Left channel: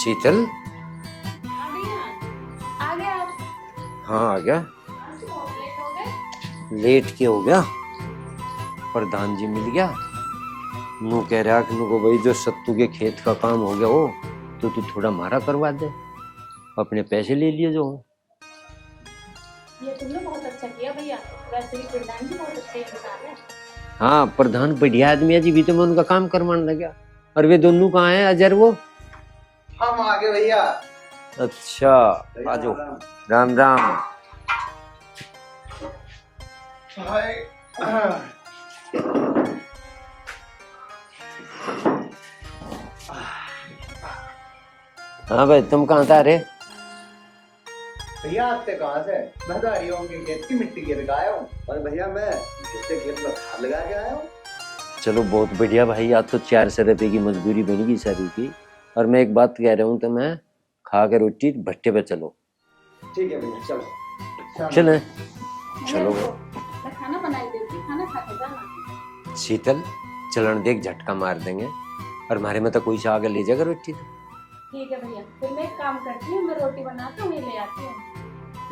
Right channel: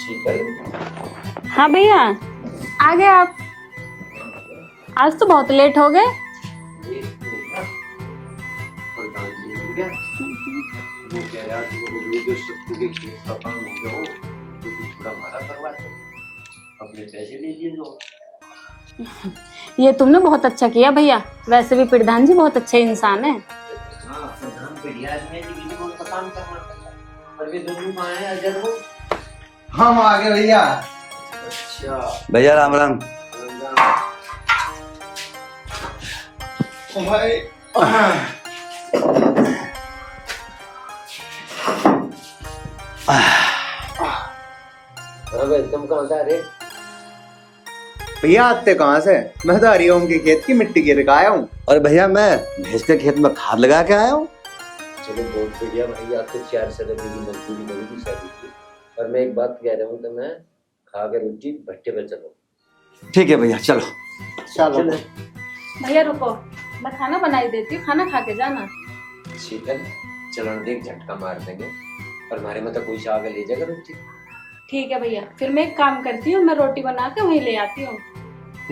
शीतल। हाँ भैया, आ गए आप। हाँ आ गया। आज तो बहुत लेट हो गए। लेट क्यों हो गया? प्रधान जी मिल गया। वो कह रहा कि मुझको वही जो सत्तू के खेत का काम हो गया हो तो तू थोड़ा मारा करवा दे, अपने पैसे ले लिए जो हो। ये तुमने बहुत अच्छा किया भैया। वैसे भी प्रधान जी बहुत अच्छे इंसान है। हाँ प्रधान बढ़िया आदमी है जी, भी तो मैं उनका काम करवाने लगा। और वे दोनों कहाँ है अजर वो? हम आ गए भैया। अच्छा भैया राम राम। राम राम। भाई हाँ भाई तुम कहाँ था रे? भैया आते कहाँ से? मैं तो हरिओम के खेत की मिट्टी गिर के आया हूँ। और भैया मैं भैंस के खेत में खाद लगा के आया हूँ। चलो बहुत बढ़िया भाई, आज तो 400 रुपये की मजदूरी बनेगी सभी की। और मैं एक बात कह रहा हूँ, तो मैं खा कर रोटी भट्टे पे चलो। ठीक है भैया चलो। चलो भैया रुको, मैं खाना बनाई देती हूँ, खाना खा के जाना। शीतल चलन देख, झटका मार देंगे और हमारे में तो कोई सा आगे ले जाएगा रोटी तो। ठीक है भैया, फिर मैं एक काम करती हूँ, मैं रोटी बना के वहीं ले आती हूँ।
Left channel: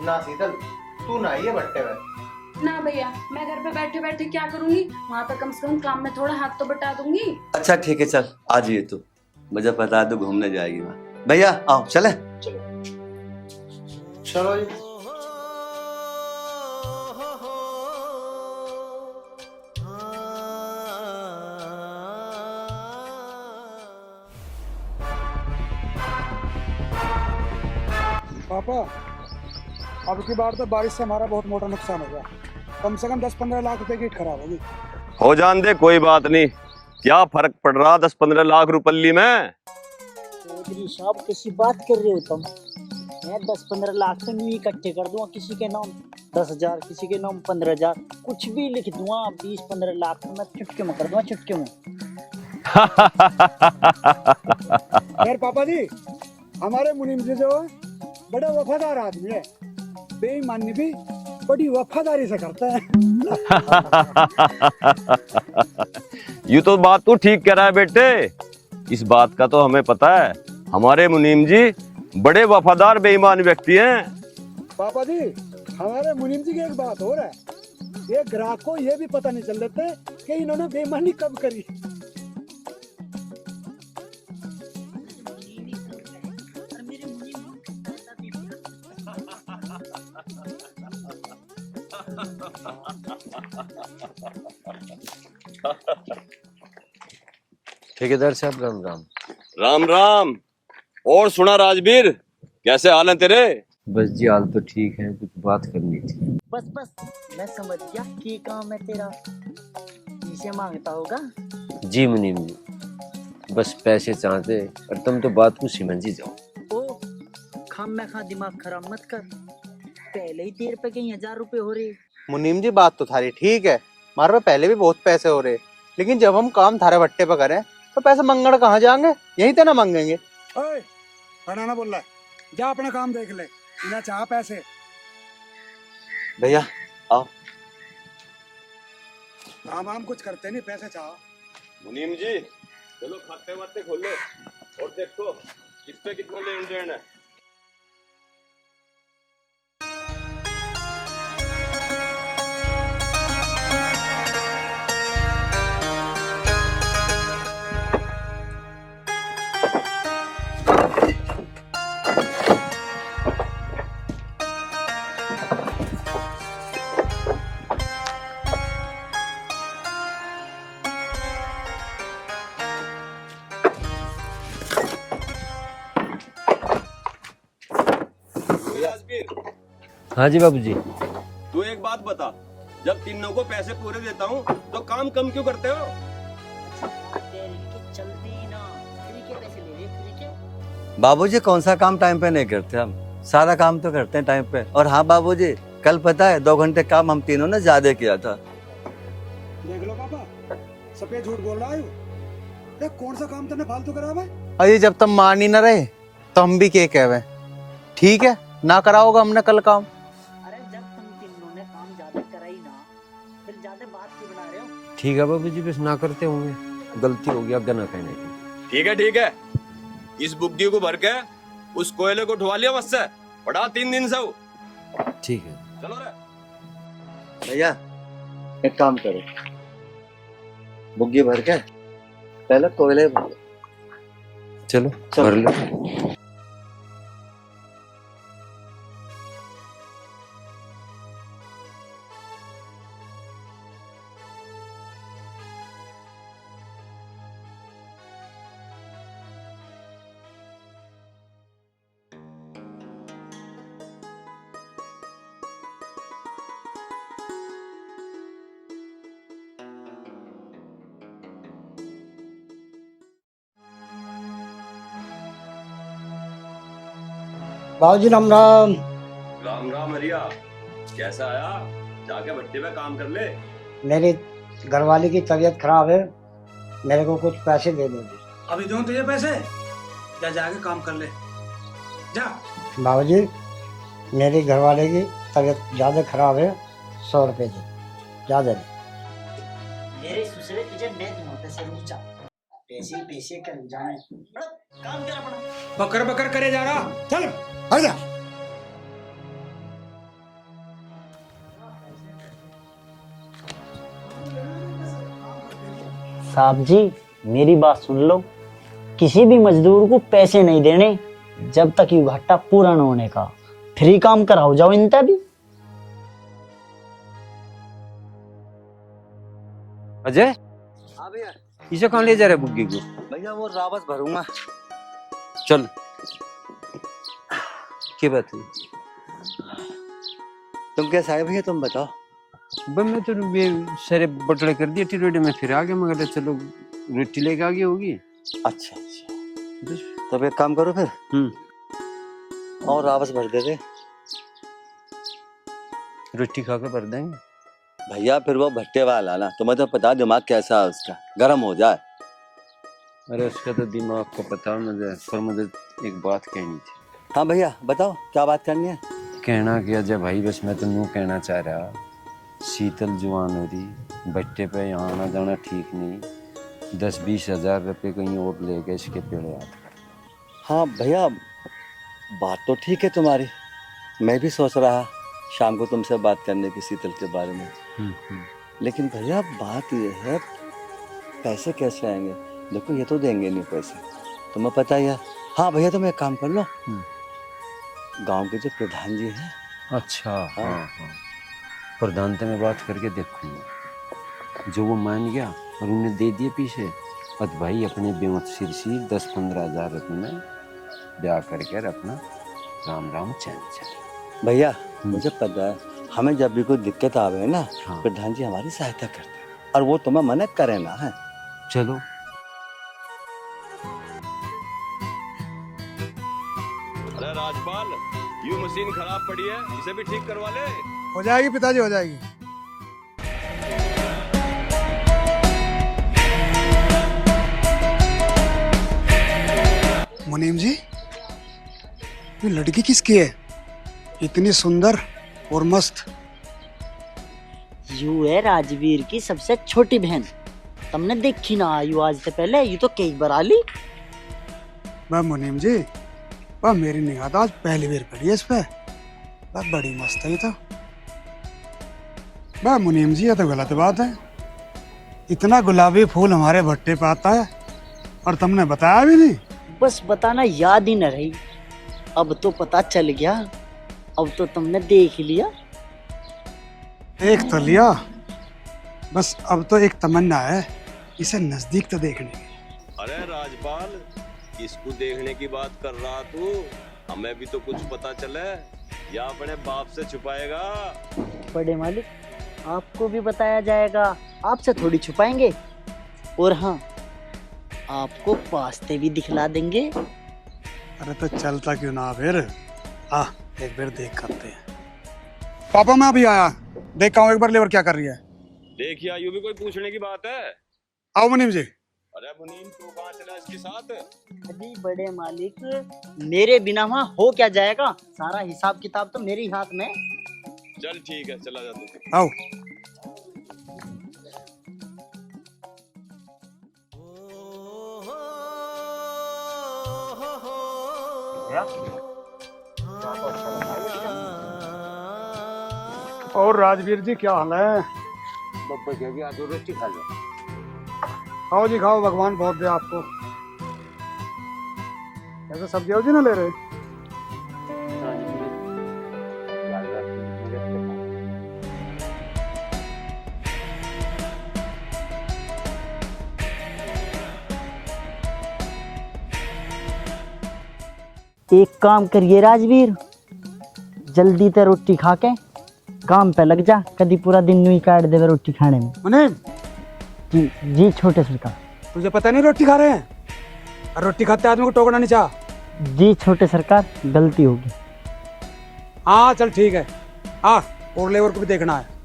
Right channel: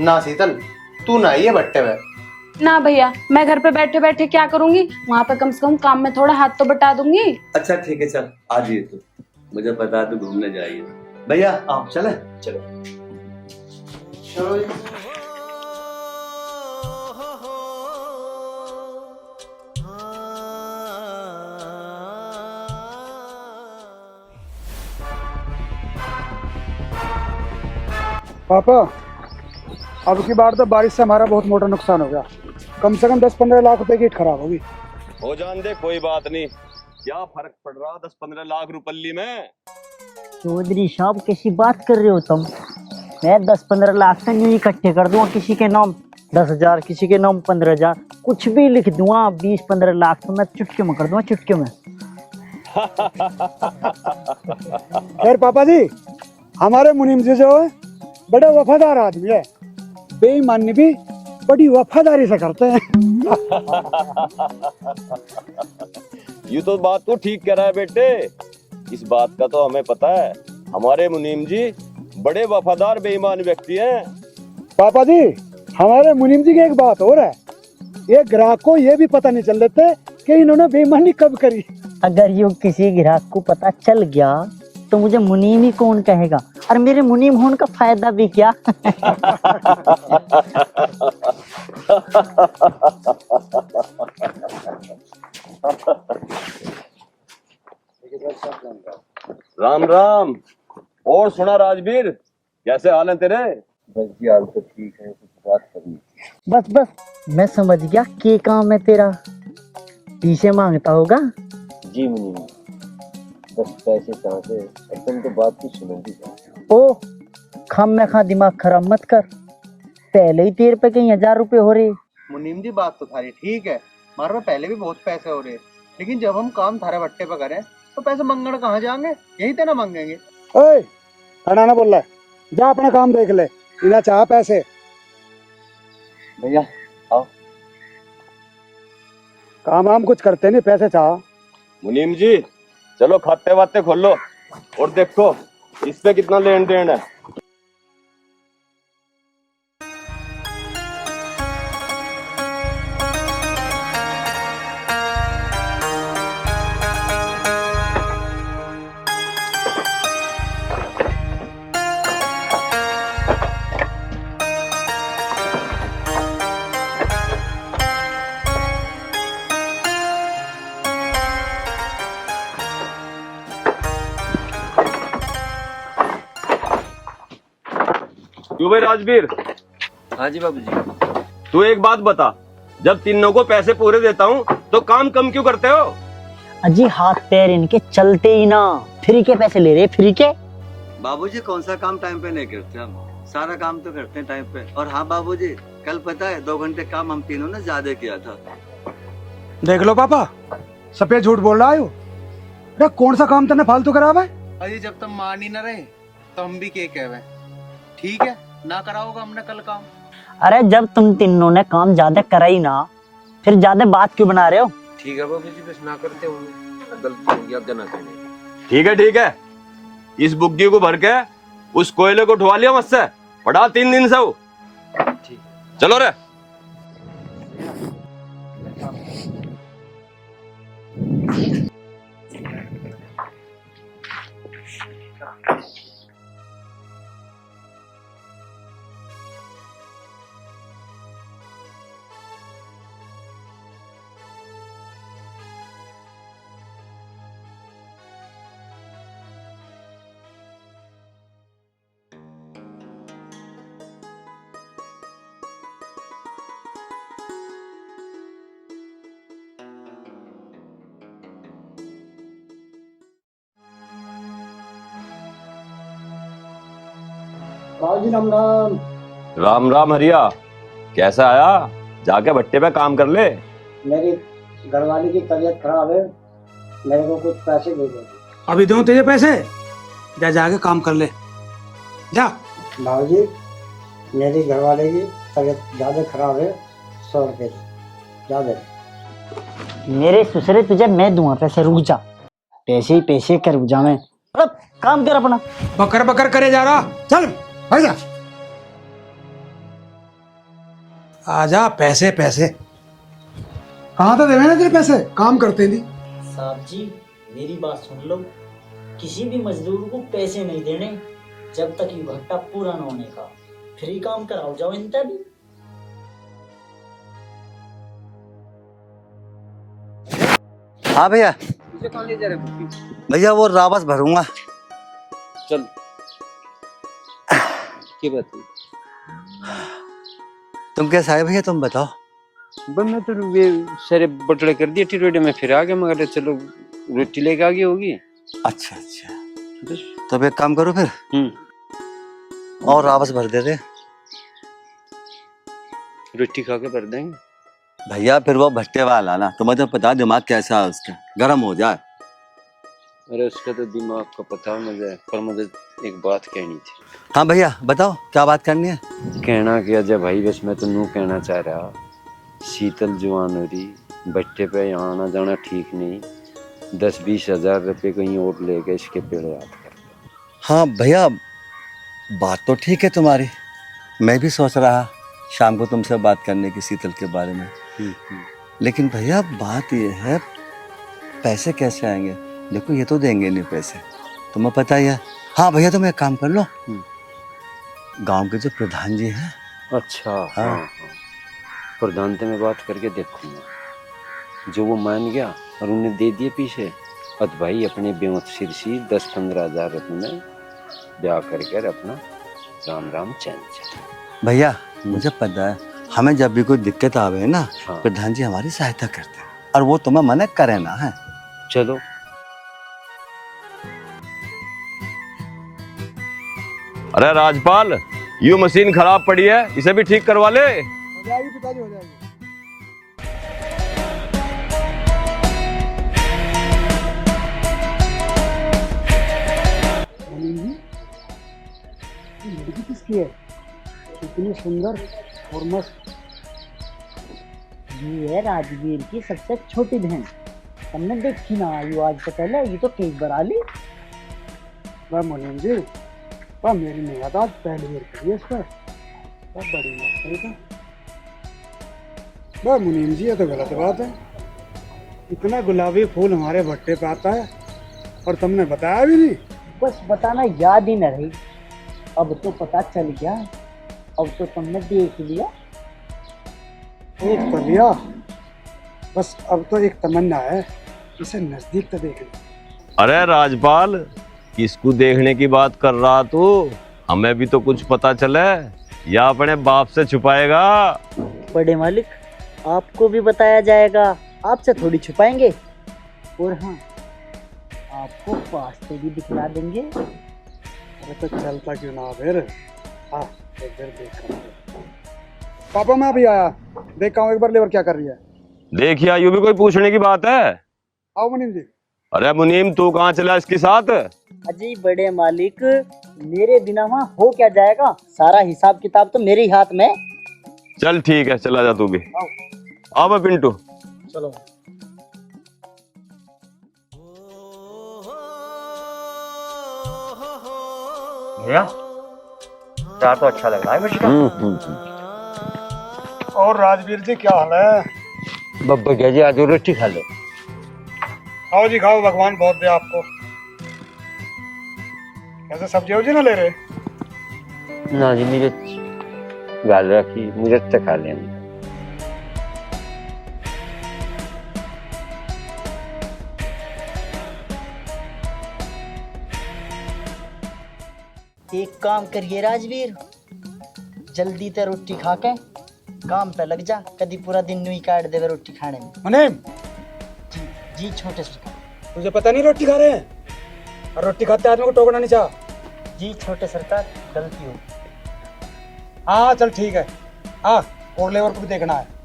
ना शीतल, तू ना ये भट्टे में। ना भैया, मैं घर पे बैठे बैठे क्या करूंगी, वहाँ पे कम से कम काम में थोड़ा हाथ तो बटा दूंगी। अच्छा ठीक है चल आ जाइए तू, मुझे बता दो घूमने जाएगी भैया। आओ चले। चलो चलो जी। पापा, अब की बार तो बारिश से हमारा बहुत मोटा नुकसान हो गया। कम से कम 10-15 लाख रुपए की खराब होगी। हो जान दे, कोई बात नहीं। क्या फर्क पड़ रहा 10-15 लाख रुपये में? चौधरी साहब कैसी बात कर रहे हो तुम? मैं 10-15 लाख तो यूं इकट्ठे कर दूंगा, किसी के नाम 10,000, किसी के नाम 15,000, कुछ भी लिख दूंगा। 20-15 लाख तो मैं चुटकी में कर दूंगा, चुटकी में। यार पापा जी, हमारे मुनीम जी जो है बड़े वफादार आदमी है, बेईमानी भी बड़ी वफादारी से करते हैं। ये तो बात तू ठीक कह रहा है बेटे, इस बात का तो हमें पता है। हमारे मुनीम जी बड़े वफादार बेईमान व्यक्ति हैं। पापा जी, हमारे मुनीम जी की एक बात और है, ये ग्राहक को ये भी पता नहीं चल देते कि इन्होंने बेईमानी कब करी। अगर यूं किसी ग्राहक को पता चल गया तो मुझे मुनीम ही कौन कहेगा, और मेरे मुनीम होने का फायदा भी क्या। ठेकेदार साहब राम राम। राम राम। और सुना राजवीर, कैसे हाल है तेरे? बस जी हाल तो ठीक है, कुछ बात करनी थी। बस बस मैं समझ गया कि काम है तेरा, पीछे मांगता होगा। जी मुनीम जी, बस पैसे चाहते और तुम तो बात को समझ ही जाओ। ओ खाम में खा दिमाग खराब मत कर, पहले ही तेरे पे कहीं 1,000 रुपए हो रहे। मुनीम जी बात तो थारी ठीक है, हमारे पे पहले भी बहुत पैसे हो रहे, लेकिन जब हम काम थारे भट्टे पे करें तो पैसे मंगण कहाँ जाएंगे? यहीं तो ना मांगेंगे। ओए, अनाना बोल रहा है, जा अपने काम देख ले, इन्हें चाह पैसे। भैया आओ। काम हम कुछ करते नहीं, पैसे चाह। मुनीम जी चलो खाते वाते खोलो और देखो इस पे कितना लेन देन है। क्यों भाई राजवीर? हाँ जी बाबू जी। तू एक बात बता, जब तीनों को पैसे पूरे देता हूँ तो काम कम क्यों करते हो? अजी हाथ पैर इनके चलते ही ना, फ्री के पैसे ले रहे, फ्री के। बाबूजी कौन सा काम टाइम पे नहीं करते, हम सारा काम तो करते हैं टाइम पे। और हाँ बाबूजी, कल पता है 2 घंटे काम हम तीनों ने ज्यादा किया था। देख लो पापा, सफेद झूठ बोल रहा है ये। कौन सा काम तुमने फालतू करा हुआ है? अरे जब तक मान ही ना रहे तो हम भी क्या कहवे। ठीक है, ना करा होगा हमने कल काम। अरे जब तुम तीनों ने काम ज्यादा करा ही ना, फिर ज्यादा बात क्यों बना रहे हो? ठीक है बाबू जी, बस ना करते होंगे, गलती हो गया, गना कहने। ठीक है इस बुग्गी को भर के उस कोयले को उठवा लिया मुझसे, पड़ा 3 दिन से वो। ठीक है। चलो रे। भैया एक काम करो, बुग्गी भर के पहले कोयले भर। चलो भर लो। बाबूजी राम राम। राम राम हरिया, कैसा आया? जाके भट्टे पे काम कर ले। मेरी घरवाली की तबीयत खराब है, मेरे को कुछ पैसे दे दो। अभी दूं तुझे पैसे? जा जाके काम कर ले, जा। बाबूजी मेरी घरवाले की तबीयत ज्यादा खराब है, 100 रुपए दो, ज्यादा। मेरे ससुरे तुझे मैं दूंगा पैसे, रुक जा। पैसे ही पैसे कर जा मैं, अब काम कर अपना। बकर बकर करे जा रहा, चल आजा। आजा, पैसे पैसे कहाँ था? देवे ना तेरे पैसे, काम करते नहीं। साहब जी मेरी बात सुन लो, किसी भी मजदूर को पैसे नहीं देने जब तक ये घाटा पूरा न होने का। फ्री काम कराओ जाओ इनका भी। अजय, हाँ भैया। इसे कहाँ ले जा रहे बुग्गी को? भैया वो रावस भरूंगा। चल। क्या बात है? तुम कैसे आए भैया, तुम बताओ। बनना तो ये सारे बटले कर दिए टिरोडे में, फिर आ गया मगर चलो रोटी लेके आ गई होगी। अच्छा अच्छा, तो अब एक काम करो फिर, और रावस भर दे दे। रोटी खा के भर देंगे भैया। फिर वो भट्टे वाला ना, तुम्हें तो पता दिमाग कैसा है उसका, गर्म हो जाए। अरे उसका तो दिमाग का पता मुझे, पर मुझे एक बात कहनी थी। हाँ भैया बताओ, क्या बात करनी है? कहना क्या अजय भाई, बस मैं तो नू कहना चाह रहा, शीतल जवान हो रही, भट्टे पे यहाँ आना जाना ठीक नहीं, 10-20 हजार रुपये कहीं और ले गए इसके पेड़वा। हाँ भैया बात तो ठीक है तुम्हारी, मैं भी सोच रहा शाम को तुमसे बात करने की शीतल के बारे में। लेकिन भैया बात ये है, पैसे कैसे आएंगे? देखो ये तो देंगे नहीं पैसे, तुम्हें पता ही है। हाँ भैया तुम एक काम कर लो, गांव के जो प्रधान जी हैं। अच्छा हाँ हाँ, प्रधान से मैं बात करके देखूंगा, जो वो मान गया और उन्हें दे दिए पीछे, और भाई अपने बेवत सिर सी 10-15 हजार रुपये में ब्याह करके अपना राम राम चैन चले। भैया मुझे पता है, हमें जब भी कोई दिक्कत आवे ना, हाँ। प्रधान जी हमारी सहायता करते हैं, और वो तुम्हें मना करे ना है। चलो अरे राजपाल, ये मशीन खराब पड़ी है, इसे भी ठीक करवा ले। हो जाएगी पिताजी, हो जाएगी। मुनीम जी, ये लड़की किसकी है? इतनी सुंदर और मस्त। यू है राजवीर की सबसे छोटी बहन, तुमने देखी ना यू आज से पहले, ये तो कई बार आली। मैं मुनीम जी, वह मेरी निगाह आज पहली बार पड़ी है इस पे, बस बड़ी मस्त है ये तो। मैं मुनीम जी ये तो गलत बात है, इतना गुलाबी फूल हमारे भट्टे पे आता है और तुमने बताया भी नहीं। बस बताना याद ही न रही, अब तो पता चल गया, अब तो तुमने देख लिया। देख तो लिया, बस अब तो एक तमन्ना है इसे नजदीक तो देखने की। अरे राजपाल, किसको देखने की बात कर रहा तू? हमें भी तो कुछ पता चले, या अपने बाप से छुपाएगा? बड़े मालिक आपको भी बताया जाएगा, आपसे थोड़ी छुपाएंगे। और हाँ, आपको वास्ते भी दिखला देंगे। अरे तो चलता क्यों ना फिर, आ एक बार देख करते हैं। पापा मैं अभी आया, देखा हूँ एक बार लेबर क्या कर रही है। देखिए यूं भी कोई पूछने की बात है? आओ मुनीम जी। अरे मुनीम, तू कहाँ चला इसके साथ? अजय बड़े मालिक, मेरे बिना वहाँ हो क्या जाएगा, सारा हिसाब किताब तो मेरे ही हाथ में। चल ठीक है, चला जा तू भी। आओ आओ बे पिंटू। चलो। भैया चार तो अच्छा लग रहा है बेटा। और राजवीर जी क्या हाल है? बब्बर गया जी, आज रोटी खा लो। खाओ जी खाओ, भगवान बहुत दे आपको। ऐसे सब्जी वब्जी ना ले रहे? ना जी, मिर्च गाल रखी, मिर्च से खा लेंगे। एक काम करिए राजवीर, जल्दी से रोटी खा के काम पे लग जा, कभी पूरा दिन यूं ही काट देगा रोटी खाने में। मुनीम, जी जी छोटे सरकार। तुझे पता नहीं रोटी खा रहे हैं? और रोटी खाते आदमी को टोकना नहीं चाह। जी छोटे सरकार, गलती होगी। हाँ चल ठीक है, हाँ और लेवर को भी देखना है।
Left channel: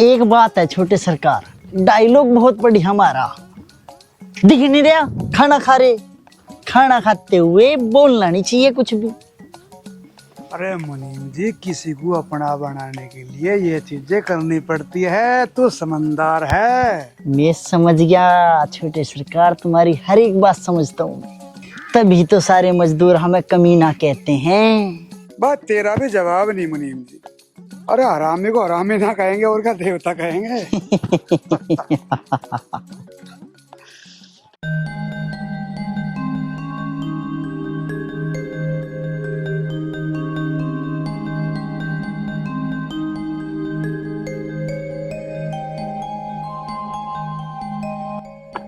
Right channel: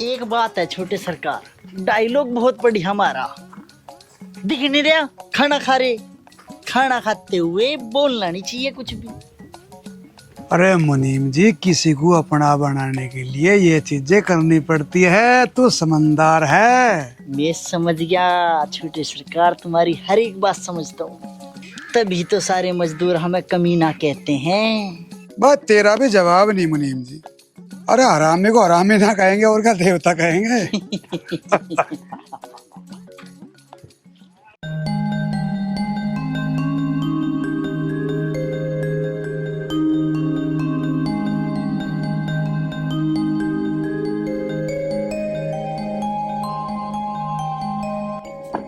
एक बात है छोटे सरकार, डायलॉग बहुत बढ़िया हमारा, दिख नहीं रहा खाना खा रहे, खाना खाते हुए बोलना नहीं चाहिए कुछ भी। अरे मुनीम जी, किसी को अपना बनाने के लिए ये चीजें करनी पड़ती है, तो समझदार है। मैं समझ गया छोटे सरकार, तुम्हारी हर एक बात समझता हूँ, तभी तो सारे मजदूर हमें कमीना कहते हैं। बस तेरा भी जवाब नहीं मुनीम जी। अरे हरामी को हरामी ना कहेंगे और क्या देवता कहेंगे।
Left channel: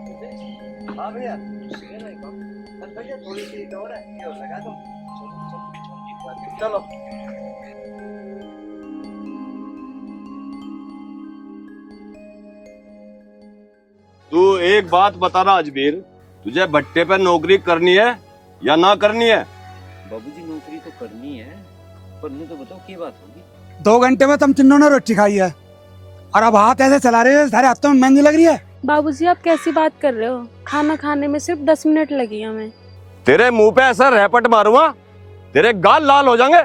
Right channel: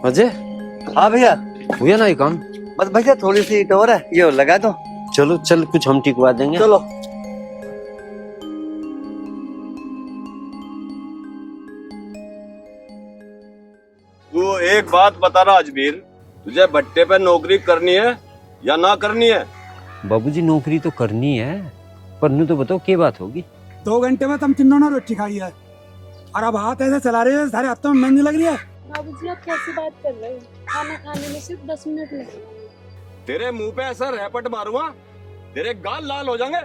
अजय, हाँ भैया, हुआ ना ये काम? बस भैया थोड़ी सी ईंट और है, ये लगा दो। चलो चल, कुछ हम टिकवा देंगे। चलो। तू एक बात बता रहा अजमेर, तुझे भट्टे पे नौकरी करनी है या ना करनी है? बाबूजी नौकरी तो करनी है, पर नू तो बताओ क्या बात होगी। 2 घंटे में तुम तीनों ने रोटी खाई है और अब हाथ ऐसे चला रहे हैं, सारे हफ्तों में मेहंदी लग रही है। बाबूजी आप कैसी बात कर रहे हो? खाना खाने में सिर्फ 10 मिनट लगी हमें। तेरे मुंह पे ऐसा रैपट मारूंगा तेरे गाल लाल हो जाएंगे।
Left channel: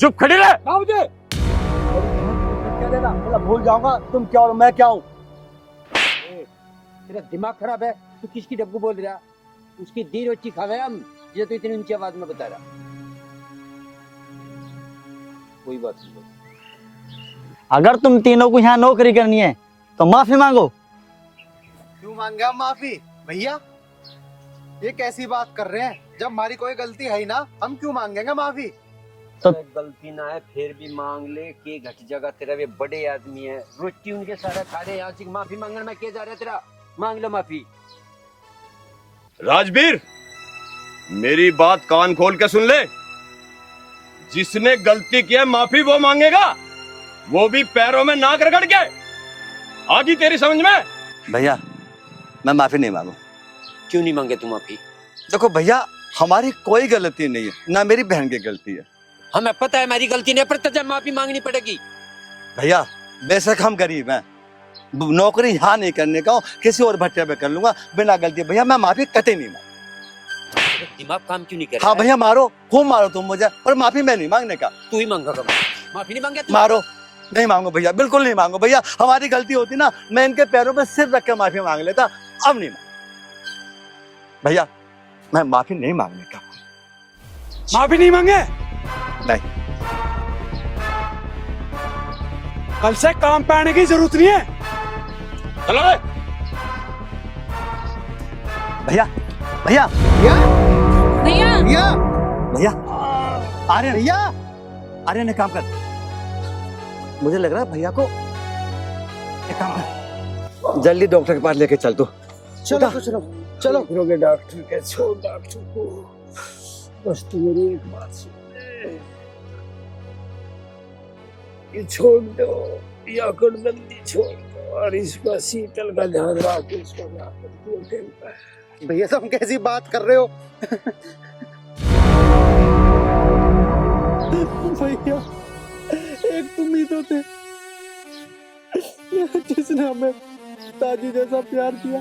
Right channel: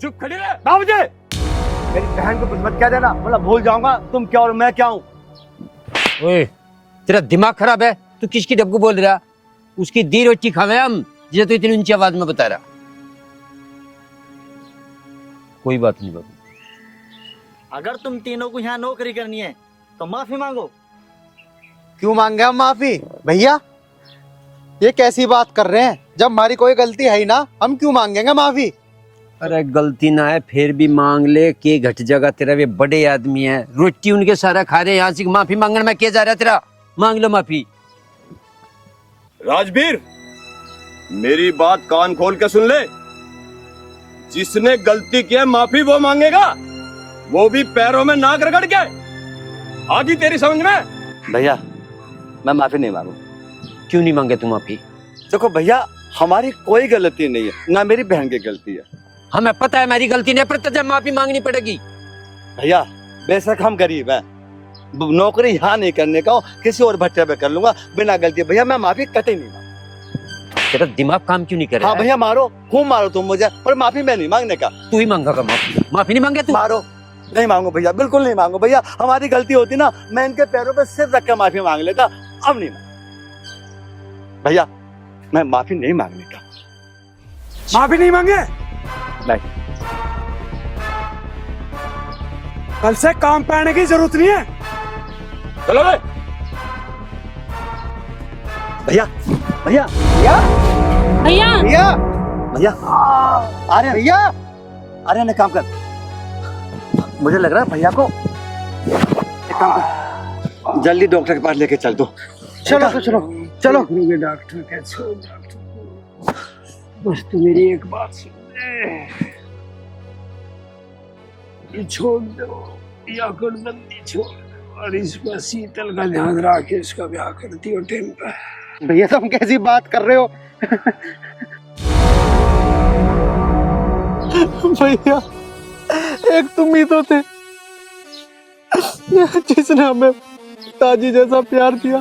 चुप खड़ी रह बाबूजी। मेरी बहन को कुछ मत कह देना, बोला भूल जाऊंगा तुम क्या और मैं क्या हूँ। ओए, तेरा दिमाग खराब है? तू किसकी डब्बू बोल रहा? उसकी दी रोटी खावे हम, जिसे तू इतनी ऊंची आवाज में बता रहा। कोई बात नहीं बाबू। अगर तुम तीनों को यहाँ नौकरी करनी है तो माफी मांगो। क्यों मांगे हम माफी? भैया ये कैसी बात कर रहे हैं? जब हमारी कोई गलती है ही ना, हम क्यों मांगेंगे माफी? अरे गलती ना है फिर भी मांग ले, के घट जाएगा तेरा? वे बड़े आदमी है, रोटी उनके सारा खा रहे हैं, यहाँ से माफी मांगने में क्या जा रहा है तेरा? मांग लो माफी। राजवीर, मेरी बात कान खोल के सुन ले। जिसने गलती की है माफी वो मांगेगा, वो भी पैरों में नाक रगड़ के। आगी तेरी समझ में? भैया मैं माफी नहीं मांगू। क्यों नहीं मांगे तुम माफी? देखो भैया, हमारी कोई गलती नहीं है, ना मेरी बहन की गलती है। हमें पता है मेरी गलती नहीं, पर तुझे माफी मांगनी पड़ेगी। भैया बेशक हम गरीब हैं, नौकरी यहाँ नहीं करने का, किसी और भट्टे पे कर लूंगा बिना गलती। भैया मैं माफी कतई नहीं मांगू। तेरा दिमाग काम क्यों नहीं कर रहा? हाँ भैया मारो, खूब मारो तुम मुझे, पर माफी मैं नहीं मांगने का। तू ही मांगेगा माफी? माफी नहीं मांगे तू? मारो, नहीं मांगू भैया, बिल्कुल नहीं मांगू भैया। हमारी गलती होती ना, मैं इनके पैरों पे सिर रख के माफी मांग लेता, अब नहीं मांग। भैया मैं माफी नहीं मांगने का। माफी नहीं मांगे? नहीं। हमसे काम पाने की जरूरत नहीं है। चलो रे। भैया भैया भैया भैया भैया भैया, आर्यन भैया आर्यन एक काम कर, मुझे लग रहा है भैया को एक काम कर, जल्दी डॉक्टर के पास लेके चल दो। चलो तो चलो चलो। करोगे डॉक्टर के? छोड़ डॉक्टर को, बस तू मेरी एक बात सुन ले, ये छोड़ दो, या बंदी छोड़ दो, और इस पर शीतल का ध्यान रख के इसका ब्याह कर दियो टाइम पे। भैया तुम कैसी बात कर रहे हो? भैया एक तुम ही तो थे जिसने हमें ताजी जैसा प्यार दिया,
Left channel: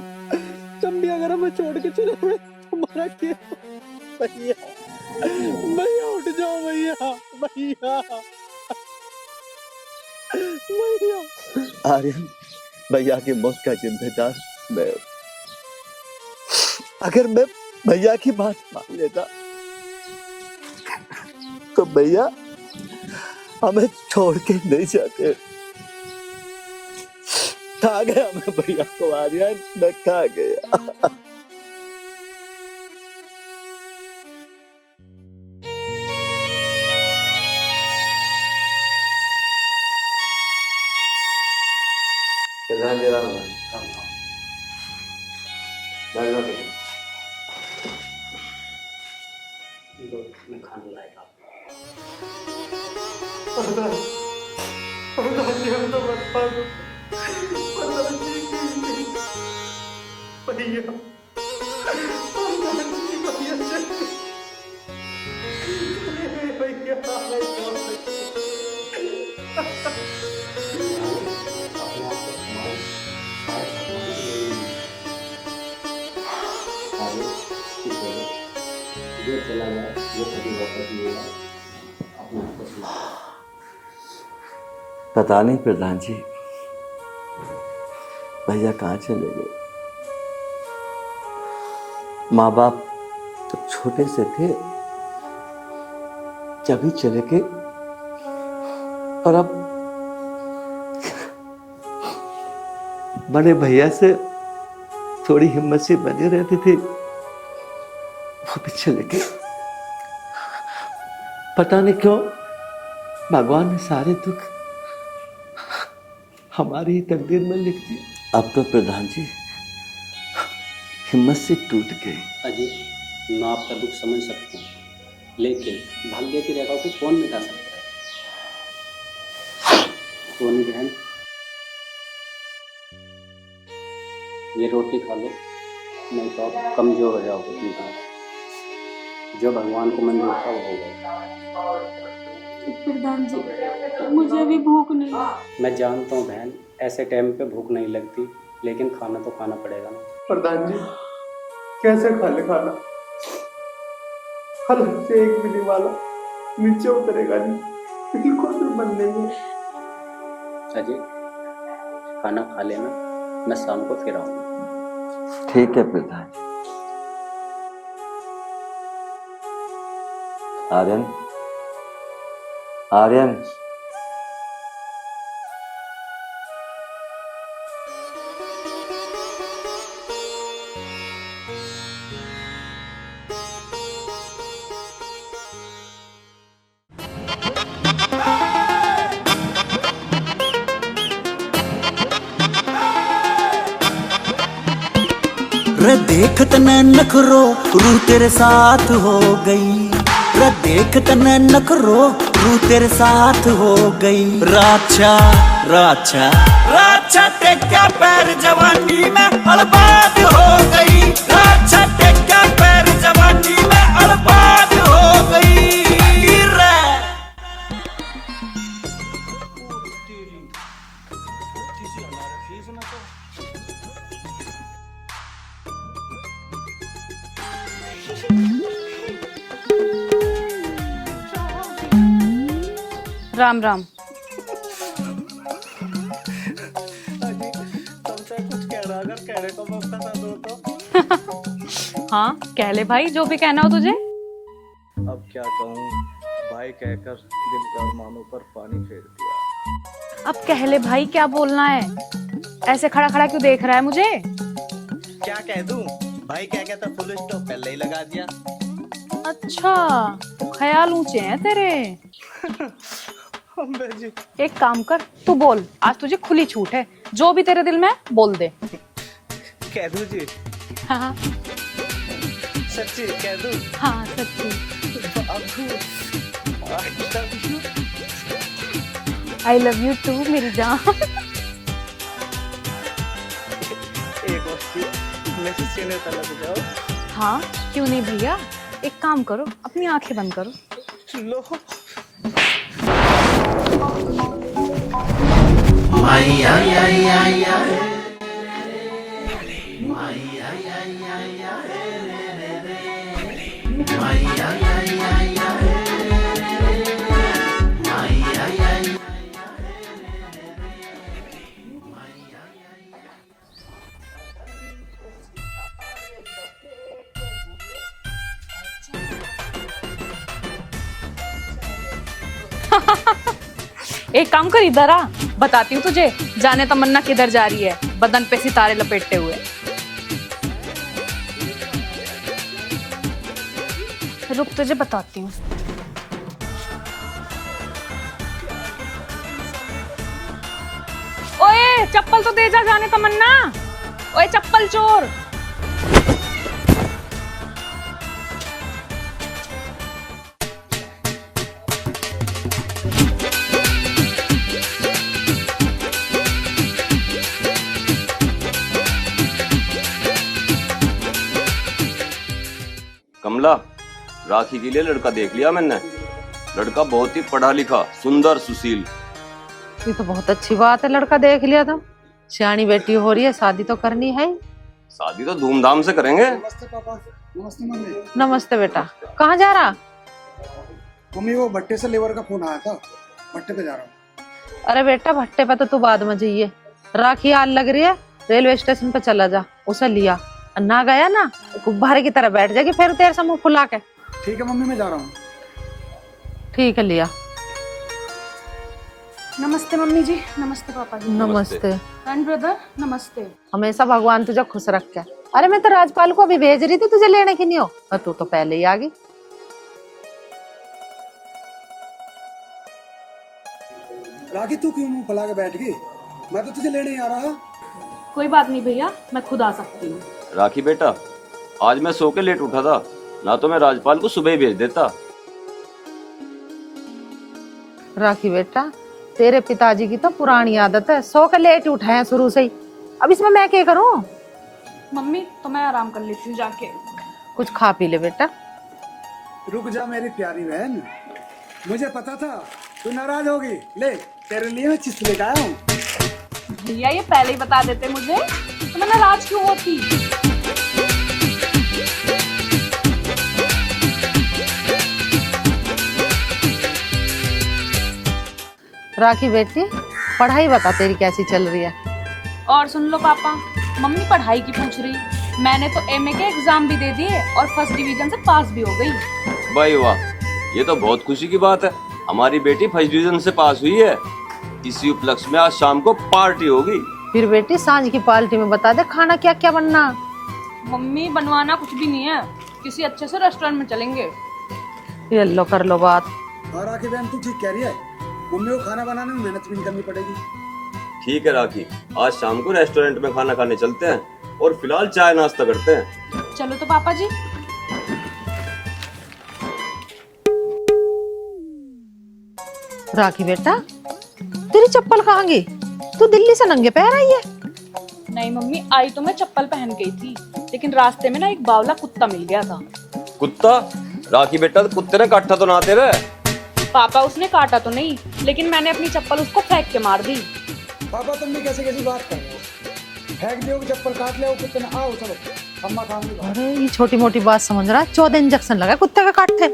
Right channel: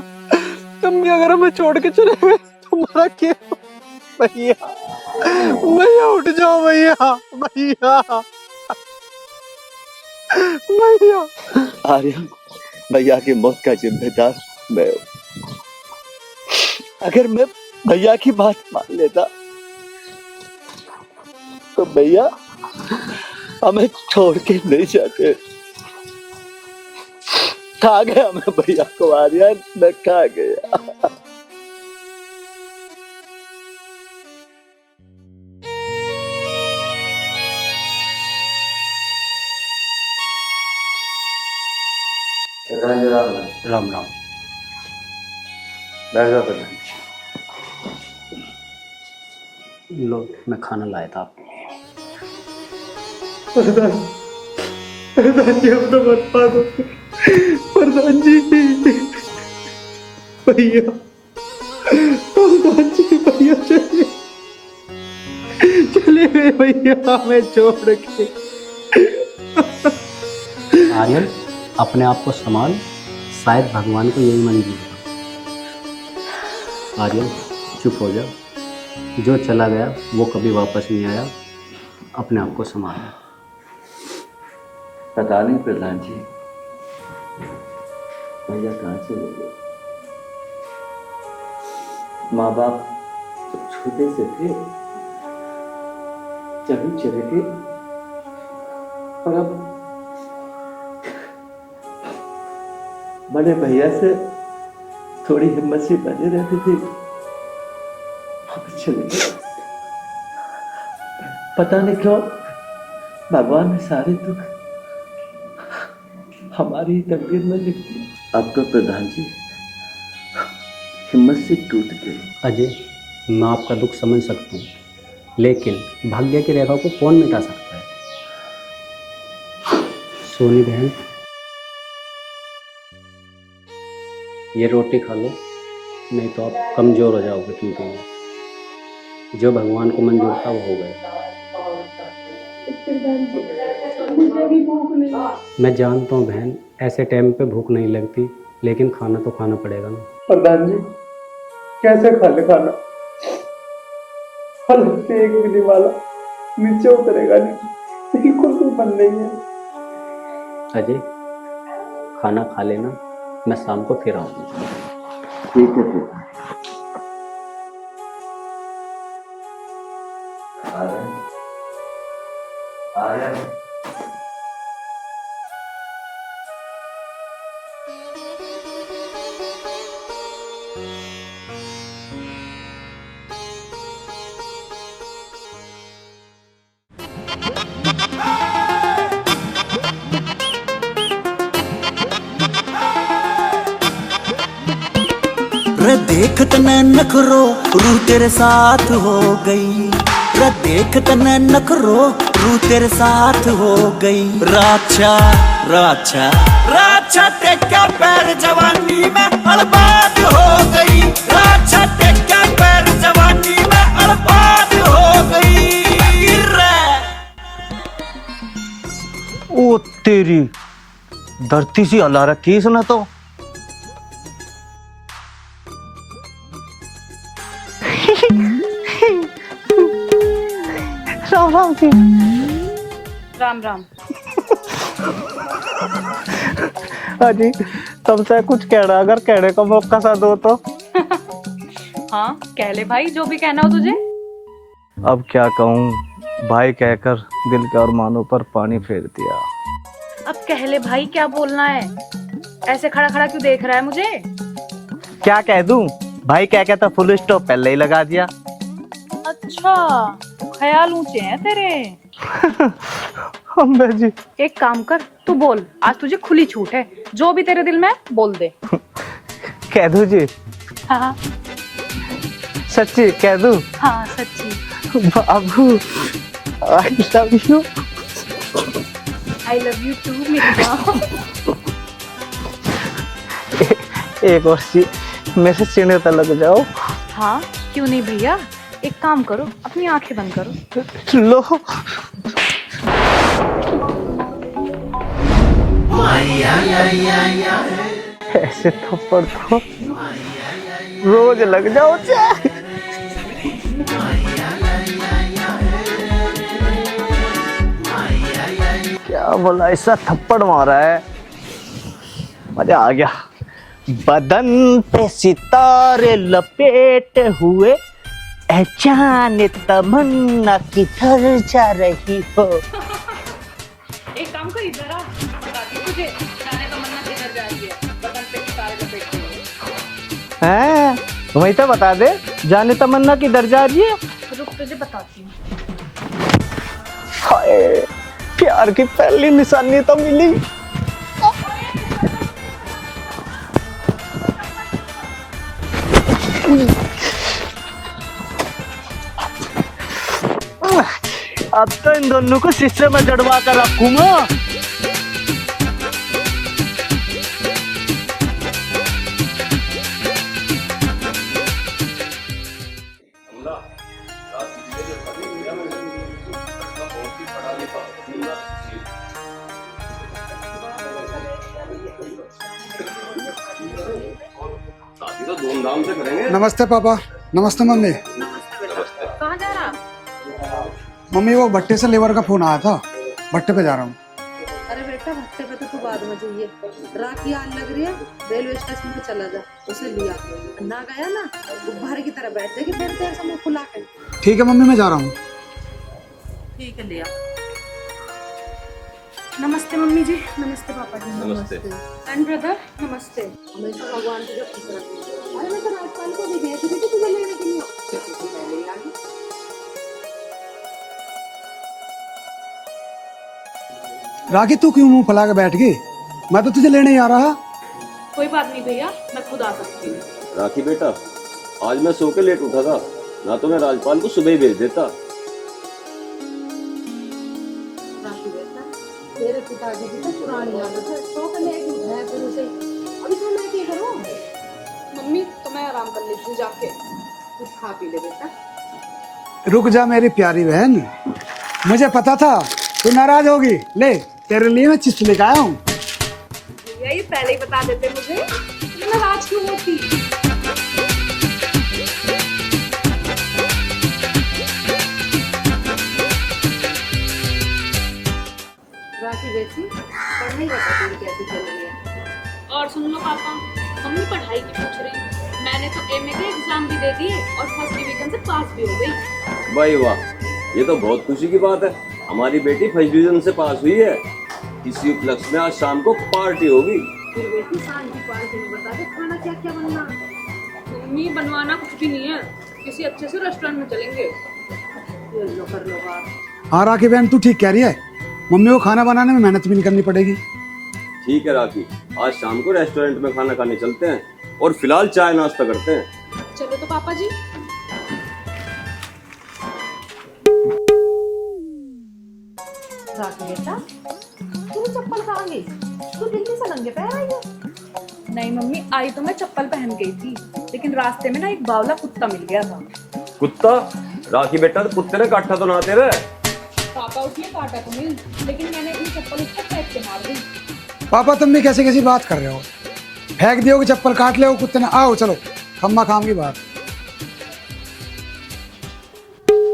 तुम भी अगर हमें छोड़ के चले गए तुम्हारा क्या? भैया भैया उठ जाओ भैया, भैया आर्यन, भैया की मौत का जिम्मेदार मैं। अगर मैं भैया की बात मान लेता तो भैया हमें छोड़ के नहीं जाते। खा गया मैं भैया को आर्यन, मैं खा गया। राम राम। बैठ जाओ पहले। लो, मैं खाना लाया था आपके लिए। प्रधान जी, हम तो बर्बाद हो गए। प्रधान जी, भैया, प्रधान जी, भैया चले गए भैया हमें छोड़ के। आर्यन, अपने आप को संभाल, शायद भगवान को यही मंजूर है। आर्यन, चुप हो जा। जो चला गया वो कभी वापस नहीं आया। अपने आप को संभाल। पता नहीं प्रधान जी, भैया कहाँ चले गए। माँ बाप तो छोटे से थे जब ही चले गए, और अब बड़े भैया से थोड़ी हिम्मत सी बनी रहती थी, वो भी चले गए। पता नहीं क्यों भगवान ने सारे दुख हमारी ही तकदीर में लिख दिया। अब तो प्रधान जी हिम्मत से टूट गई। अजय, मैं आपका दुख समझ सकता हूँ, लेकिन भाग्य की रेखा को कौन मिटा सकता है। सोनी बहन, ये रोटी खा लो, नहीं तो आप कमज़ोर हो जाओगे चिंता में। जो भगवान को मंजूर था वो हो गया। प्रधान जी, मुझे भी भूख नहीं। मैं जानता हूँ बहन, ऐसे टाइम पे भूख नहीं लगती, लेकिन खाना तो खाना पड़ेगा ना। प्रधान जी, कैसे खा ले खाना? हालत से एक मिली वाला नीचे उतरेगा नहीं, बिल्कुल भी मन नहीं है। अजय, खाना खा लेना, मैं शाम को फिर आऊँगा। ठीक है प्रधान। आर्यन, आर्यन, रे देख तने नखरो रूह तेरे साथ हो गई। रे देख तने नखरो रूह तेरे साथ हो गई। राछा राछा राछा टेका पैर जवानी में बर्बाद हो गई। राछा टेका पैर जवानी में बर्बाद हो गई। रे ओ तेरी धरती सी हला रखी इसने तो। राम राम। अजी, तुमसे कुछ कहना, अगर कहने को मौका सा दो तो। हाँ, कह ले भाई, जो भी कहना हो तुझे। अब क्या कहूँ, भाई कहकर दिल के अरमानों पर पानी फेर दिया। अब कह ले भाई, क्या बोलना है? ऐसे खड़ा खड़ा क्यों देख रहा है मुझे? क्या कह दूं, भाई क्या कहता फुल स्टॉप पहले ही लगा दिया। अच्छा, ख्याल ऊंचे हैं तेरे। अम्बे जी, एक काम कर, तू बोल, आज तुझे खुली छूट है, जो भी तेरे दिल में बोल दे। कह दूं जी? हाँ सच्ची कह दूं? हाँ सच्ची। बाबू, I love you. I love you too मेरी जान। एक और चीज, मैं से सीने तक लग जाओ। हाँ क्यों नहीं भैया, एक काम करो, अपनी आंखें बंद करो। लो। ऐसे थप्पड़ तो रोज लग जाओ। क्या बोला ऐसा थप्पड़ मारा है, मजा आ गया। बदन पे सितारे लपेटे हुए, जाने तमन्ना किधर जा रही हो। एक काम कर, इधर आ, बताती हूँ तुझे जाने तमन्ना किधर जा रही है, बदन पे सितारे लपेटते हुए। हैं? वही तो बता दे, जाने तमन्ना किधर जा रही है। रुक, तुझे बताती हूँ। हाय, प्यार की पहली निशानी तो मिली। ओए चप्पल तो दे जा जाने तमन्ना। ओए चप्पल चोर। अब तो इन दोनों को शीशे में जड़वा कर रखूंगा। कमला, राखी के लिए लड़का देख लिया मैंने। लड़का बहुत ही पढ़ा लिखा, सुंदर, सुशील। ये तो बहुत अच्छी बात है, लड़का देख लिया तो। सियानी बेटी हो रही है, शादी तो करनी है। शादी तो धूमधाम से करेंगे। नमस्ते पापा। नमस्ते मम्मी। नमस्ते बेटा, कहाँ जा रहा? मम्मी वो भट्टे से लेबर का फोन आया था, भट्टे पे जा रहा हूँ। अरे बेटा भट्टे पे तो तू बाद में जाइए, राखी हाल लग रही है, रेलवे स्टेशन पे चला जा, उसे लिया। ना गया ना गुब्बारे की तरह बैठ जाएगी फिर तेरे से मुंह फुला के। ठीक है मम्मी, मैं जा रहा हूँ। ठीक है, लिया। नमस्ते मम्मी जी। नमस्ते पापा जी। नमस्ते एंड ब्रदर नमस्ते। हमेशा भगवान तुझे खुश रखे। अरे मैं तो राजपाल को अभी भेज रही थी तुझे लेने की, नहीं हो और तू तो पहले ही आ गई। राखी तू क्यों मुंह फैला के बैठ गई? मैं तो तुझे लेने ही आ रहा। कोई बात नहीं भैया, मैं खुद आ सकती हूँ। राखी बेटा, आज मैं सो के लेट उठा था, ना तो मैं राजपाल को सुबह ही भेज देता। राखी बेटा, तेरे पिताजी की तो पुरानी आदत है, सो के लेट उठे हैं शुरू से ही। अब इसमें मैं क्या करूं? मम्मी तो मैं आराम कर लेती हूँ जाके। कुछ खा पी ले बेटा। रुक जा मेरी प्यारी बहन, मुझे पता था तू नाराज होगी। ले तेरे लिए मैं चिप्स लेकर आया हूँ। भैया ये पहले ही बता देते मुझे तो मैं नाराज क्यों होती। राखी बेटी, पढ़ाई बता तेरी कैसी चल रही है? और सुन लो पापा, मम्मी पढ़ाई की पूछ रही। मैंने तो एमए के एग्जाम भी दे दिए और फर्स्ट डिवीजन से पास भी हो गई। भाई वाह, ये तो बहुत खुशी की बात है। हमारी बेटी फर्स्ट डिवीजन से पास हुई है। इसी उपलक्ष्य में आज शाम को पार्टी होगी। फिर बेटी सांझ की पार्टी में बता दे खाना क्या क्या बनना। मम्मी बनवाना कुछ भी नहीं है, किसी अच्छे से रेस्टोरेंट में चलेंगे। ये लो कर लो बात। हाँ राखी बहन तू ठीक कह रही है, मम्मी को खाना बनाने में मेहनत भी नहीं करनी पड़ेगी। ठीक है राखी, आज शाम को रेस्टोरेंट में खाना खाने चलते हैं और फिलहाल चाय नाश्ता करते हैं। चलो तो पापा जी। राखी बेटा, तेरी चप्पल कहाँ गई? तू दिल्ली से नंगे पैर आई है? नहीं मम्मी, आई तो मैं चप्पल पहन गई थी, लेकिन रास्ते में ना एक बावला कुत्ता मिल गया था। कुत्ता? राखी बेटा, कुत्ते ने काटा तो ना तेरे? पापा उसने काटा तो नहीं, लेकिन मैंने अपनी चप्पल उसको फेंक के मार दी। पापा तुम भी कैसी कैसी बात कर रहे हो? फेंक दियो कि चप्पल काट ले कुत्ते ने। आओ चलो, खम्मा खाम की बात। अरे ये छोटी मोटी बात समझ रहा, 14 इंजेक्शन लगा कुत्ते का काटते।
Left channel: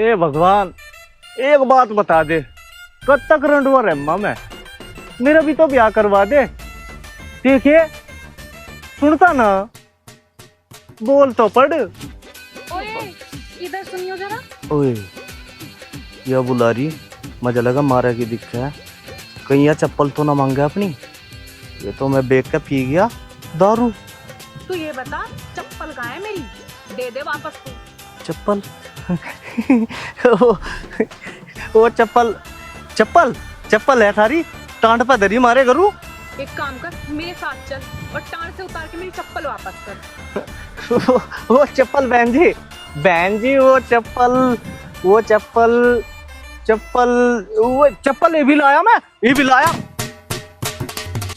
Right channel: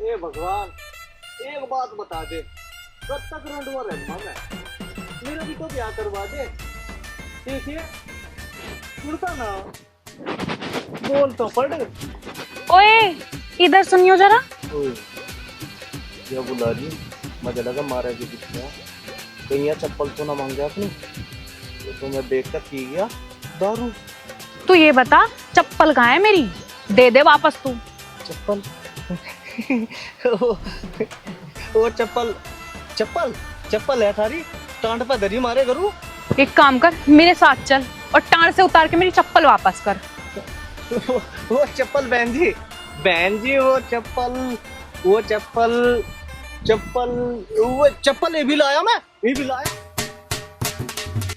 ए भगवान, एक बात बता दे, कब तक रंडवा रहमा मैं? मेरा भी तो ब्याह करवा दे। देखिए सुनता ना, बोल तो पड़। ओए इधर सुनियो जरा। ओए यह बुला रही, मजा लगा मारा की दिखता है। कहीं यह चप्पल तो ना मांगे अपनी? ये तो मैं बेच के पी गया दारू। तू ये बता चप्पल कहाँ है मेरी? दे दे वापस तू। चप्पल वो चप्पल चप्पल चप्पल है थारी, टांड पर दरी मारे करूँ। एक काम कर, मेरे साथ चल और टांड से उतार के मेरी चप्पल वापस कर। वो चप्पल बहन जी, वो चप्पल ये भी लाया मैं, ये भी लाया।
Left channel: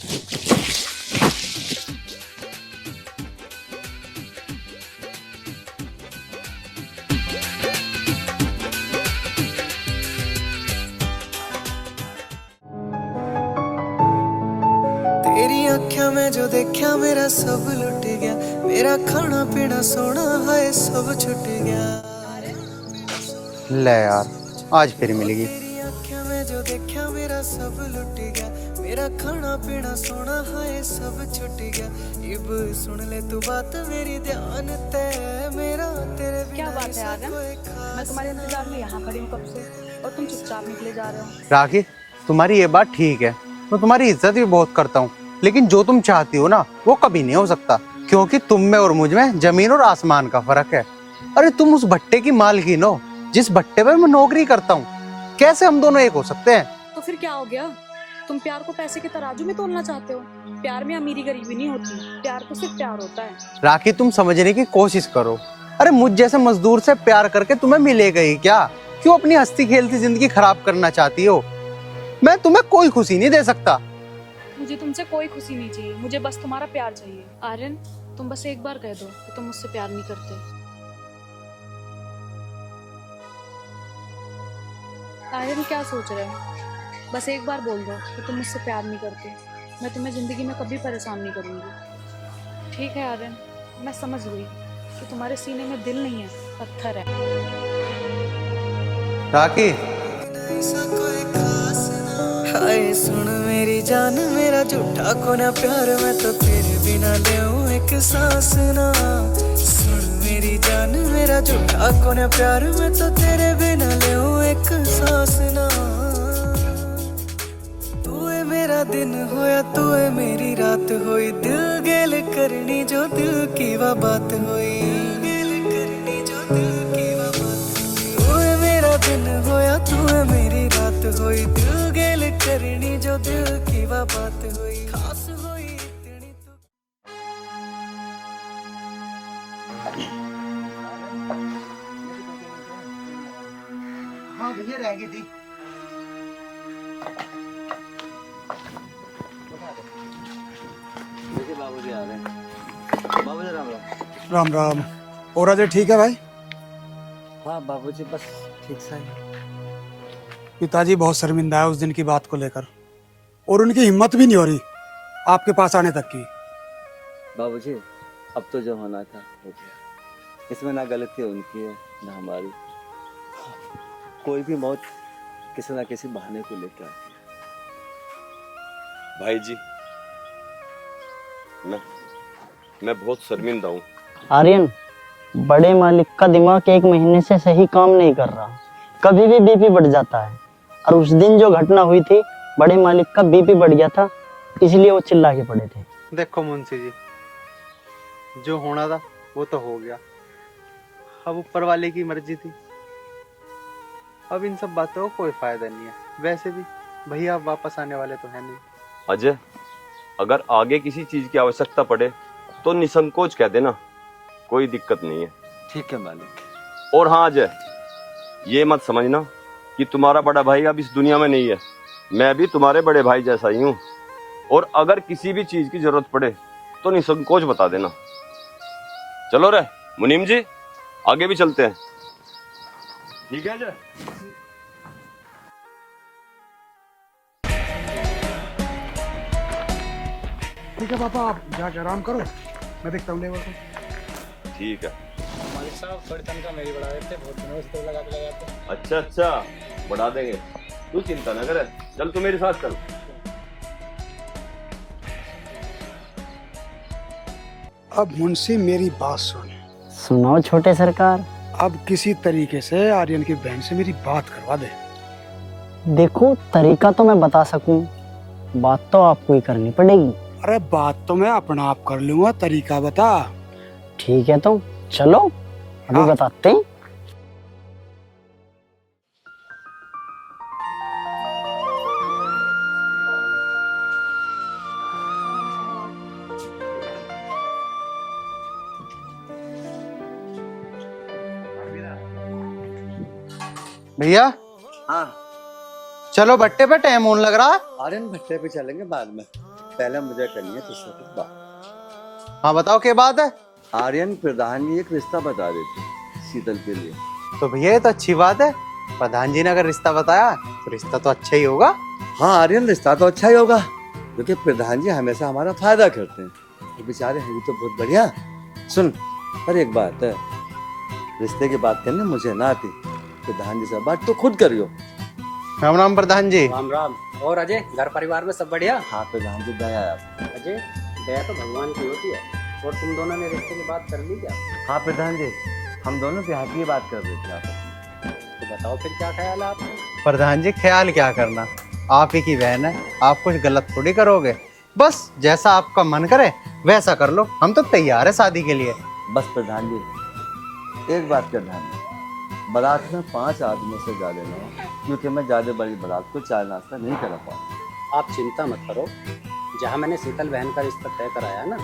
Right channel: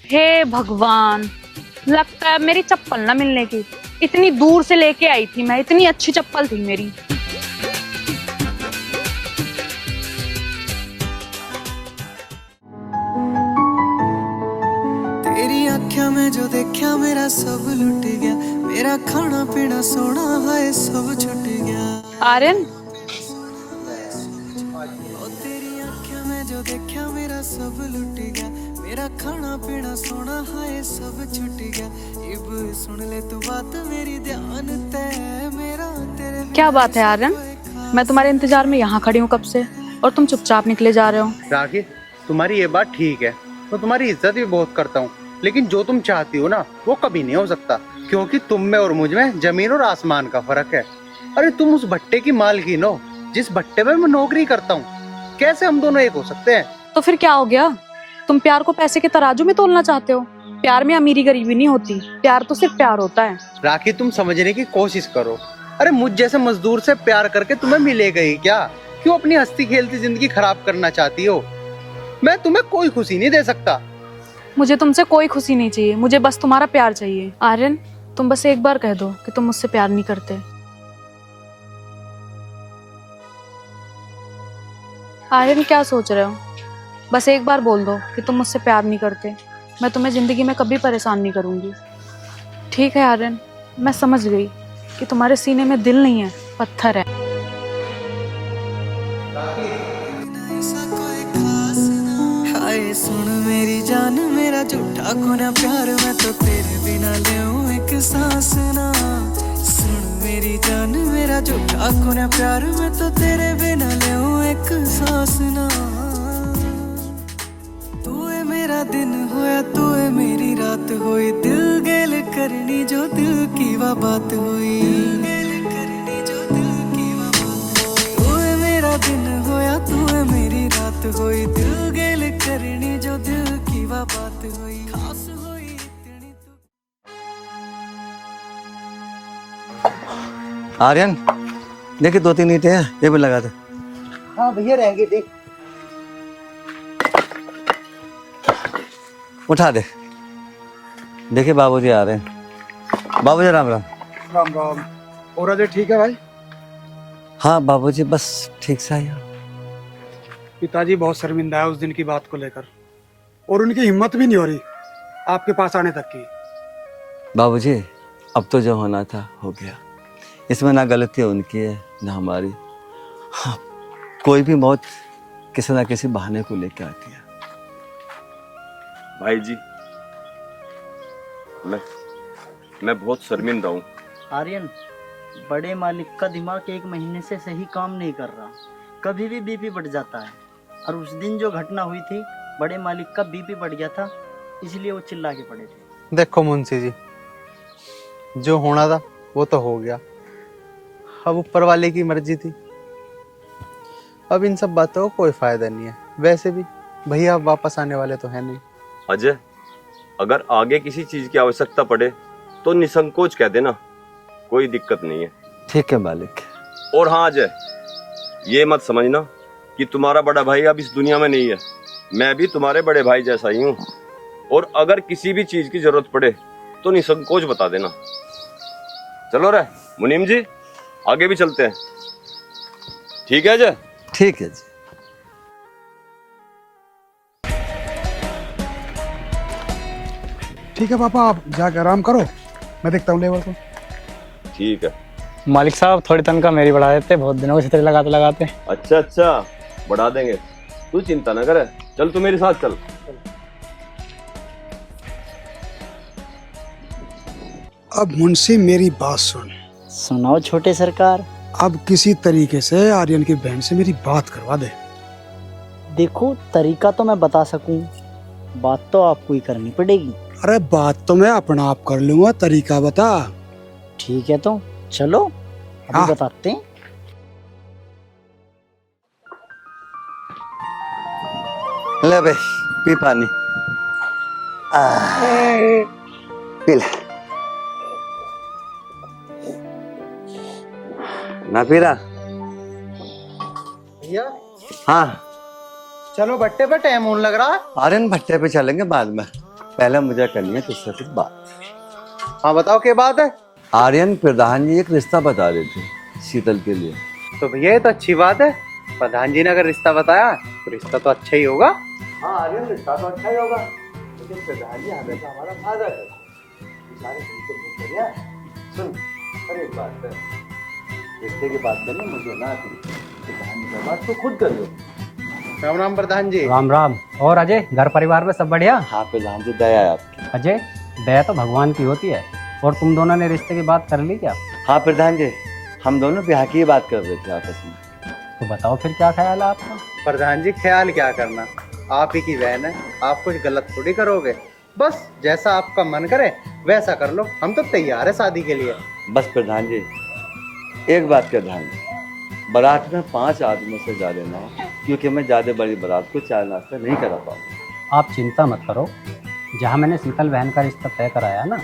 हे भगवान, लगता है मेरी चप्पल ना मिलने की। इतनी दूर से लेके आई थी मैं, इतनी अच्छी चप्पल थी मेरी। तेरी आँखों में जो देखा मेरा सब लुट गया, मेरा खाना पीना सोना है सब छूट गया। आर्यन, ले यार, आज फिर मिलेगी। तेरी आँखें में जो देखा मेरा सब लुट गया, मेरा खाना पीना सोना है सब छूट गया। इब सुन ले तू बात मेरी ध्यान ते मेरा तेरे क्या बात है आर्यन, मैं तुम्हारे इंतजार में यहाँ खड़ी हूँ कब से और तुम चुपचाप निकले जा रहे हो। राखी, तुम्हारी ये बात ठीक है, मैं तुम्हारी इज्जत भी बहुत करता हूँ, लेकिन जो तुम चाहती हो ना वो कभी नहीं हो सकता, क्योंकि तुम में और मुझ में जमीन और आसमान का फर्क है। अरे तुम उस भट्टे की मालकिन हो जिस भट्टे में मैं नौकरी करता हूँ, कैसे हम दोनों एक हो सकते हैं? तो फिर क्या हो गया, तुम प्यार को पैसे के तराजू में तोलना चाहते हो? प्यार में अमीरी गरीबी नहीं होती, प्यार तो सिर्फ प्यार होता है। राखी, तुम समझने की कोशिश करो। अरे मुझ जैसे मजदूर से प्यार करके तुम्हें मिलेगा ही क्या? क्यों अपनी हंसती खेलती जिंदगी खराब करना चाहती हो? मैं तुम्हें कोई खुशी नहीं दे सकता। मुझे तुमसे कोई खुशी नहीं चाहिए, मुझे बस तुम्हारा प्यार चाहिए। आर्यन, तुम बस एक बार कह दो कि तुम मुझसे प्यार नहीं करते। आर्यन, क्या सोच रहे हो? बस एक बार बोल दो कि तुम मुझसे प्यार नहीं करते, मैं तुम्हें जिंदगी में कभी परेशान नहीं करूंगी। ठीक है आर्यन, मैं समझ गई कि तुम्हारे सीने में दिल नहीं है, पत्थर है। राखी, हाय सुन मेरी जान मेरा झूठा खोना प्यार, मैं तो तेरे बिना लेऊं एक सांस ना। सुन मेरी जान मेरा झूठा खोना प्यार, मैं तो तेरे बिना लेऊं एक सांस ना। तू है मेरा दिन होया, तू है मेरी रात होई, दिल गेल करनी जो दिल की वा बात होई। मेरा दिन होया, तू है मेरी रात होई, दिल गेल करनी जो दिल की वा बात होई, खास होई इतनी तू। आर्यन, देखिए 2-3 ईंटें हैं, ये भी लगा दो। हाँ भैया, रहेंगे देख। उठा दे। देखिए बाबूजी आ रहे हैं। बाबूजी राम राम। राम राम। और अजय ठीक है भाई? हाँ बाबूजी, बस ठीक सा ही। पिताजी बहुत शर्मिंदा है उस दिन की बात को लेकर, और उनकी हिम्मत भी नहीं हो रही आपके पास आने तक की। बाबूजी, अब तो जो होना था हो गया, इसमें ना गलती उनकी है ना हमारी। हाँ, कोई भी मौत किसी ना किसी बहाने को लेकर आती है। भाई जी, मैं बहुत शर्मिंदा हूँ। आर्यन, बड़े मालिक का दिमाग 1 महीने से सही काम नहीं कर रहा, कभी भी बीपी बढ़ जाता है। और उस दिन जो घटना हुई थी, बड़े मालिक का बीपी बढ़ गया था, इसलिए वो चिल्ला के पड़े थे। देखो मुंशी जी, जो होना था वो तो हो गया, अब ऊपर वाले की मर्जी थी। अब इन सब बातों का कोई फायदा नहीं है। वैसे भी भैया अब वापस आने वाले तो है नहीं। अजय, अगर आगे किसी चीज की आवश्यकता पड़े तो निसंकोच कह देना, कोई दिक्कत नहीं है। ठीक है मालिक। और हाँ अजय, ये मत समझना कि तुम्हारा बड़ा भाई अब इस दुनिया में नहीं है, मैं भी तुम्हारे बड़े भाई जैसा ही हूँ। और अगर किसी भी चीज की जरूरत पड़े तो निसंकोच बता देना। चलो रे मुनीम जी, आगे भी चलते हैं। ठीक है अजय? ठीक है जी। ठीक है पापा, आप जाके आराम करो, मैं देखता हूँ लेबर को। ठीक है मालिक साहब, थोड़ी तनख्वाह मेरी बढ़ा देते, बहुत दिनों से तेरे लगाते लगाते। अच्छा, बढ़ा देंगे, तू चिंता ना करे। चल तू मेरे साथ चल। अब मुंशी मेरी बात सुन। सुनो छोटे सरकार। अब किसी तरीके से आर्यन की बहन से मेरी बात करवा दे। देखो, तरीका तो मैं बता सकूं, बात तो आपको ही करनी पड़ेगी। अरे बात तो मैं अपना आप कर लूंगा, तरीका बता। ठीक है तो चलो अभी हाँ। बताते हैं। ले भाई, पी पानी। पी ले। ना पी रहा? भैया हाँ, चलो भट्टे पे, टाइम होने लग रहा। आर्यन भट्टे पे चलेंगे बाद में, पहले मुझे करनी है तुझसे कुछ बात। हाँ बताओ क्या बात है? आर्यन, प्रधान जी एक रिश्ता बता रहे थे शीतल के लिए। तो भैया ये तो अच्छी बात है, प्रधान जी ने अगर रिश्ता बताया तो रिश्ता तो अच्छा ही होगा। हाँ आर्यन, रिश्ता तो अच्छा ही होगा, क्योंकि प्रधान जी हमेशा हमारा फायदा करते हैं। तो बेचारे हैं, ये तो बहुत बढ़िया। सुन, पर एक बात है, रिश्ते की बात करनी मुझे ना आती, प्रधान जी से बात तो खुद करियो। राम राम प्रधान जी। राम राम। और अजय, घर परिवार में सब बढ़िया? हाँ प्रधान जी, दया है आपकी। अजय, दया तो भगवान की होती है। और तुम दोनों ने रिश्ते की बात कर ली क्या? हाँ प्रधान जी, हम दोनों ब्याह की बात कर रहे थे आपस में। तो बताओ फिर क्या ख्याल है आपका? प्रधान जी ख्याल क्या करना, आप ही की बहन है, आप कुछ गलत थोड़ी करोगे। बस जैसा आपका मन करे वैसा कर लो, हम तो तैयार है शादी के लिए। बस प्रधान जी, एक बात का ध्यान रखिए, बारात में 5 आदमियों से जा लेना है, क्योंकि मैं ज्यादा बड़ी बारात को चाय नाश्ता नहीं करा पाऊंगा। आप चिंता मत करो, जहाँ मैंने शीतल बहन का रिश्ता तय कराया ना,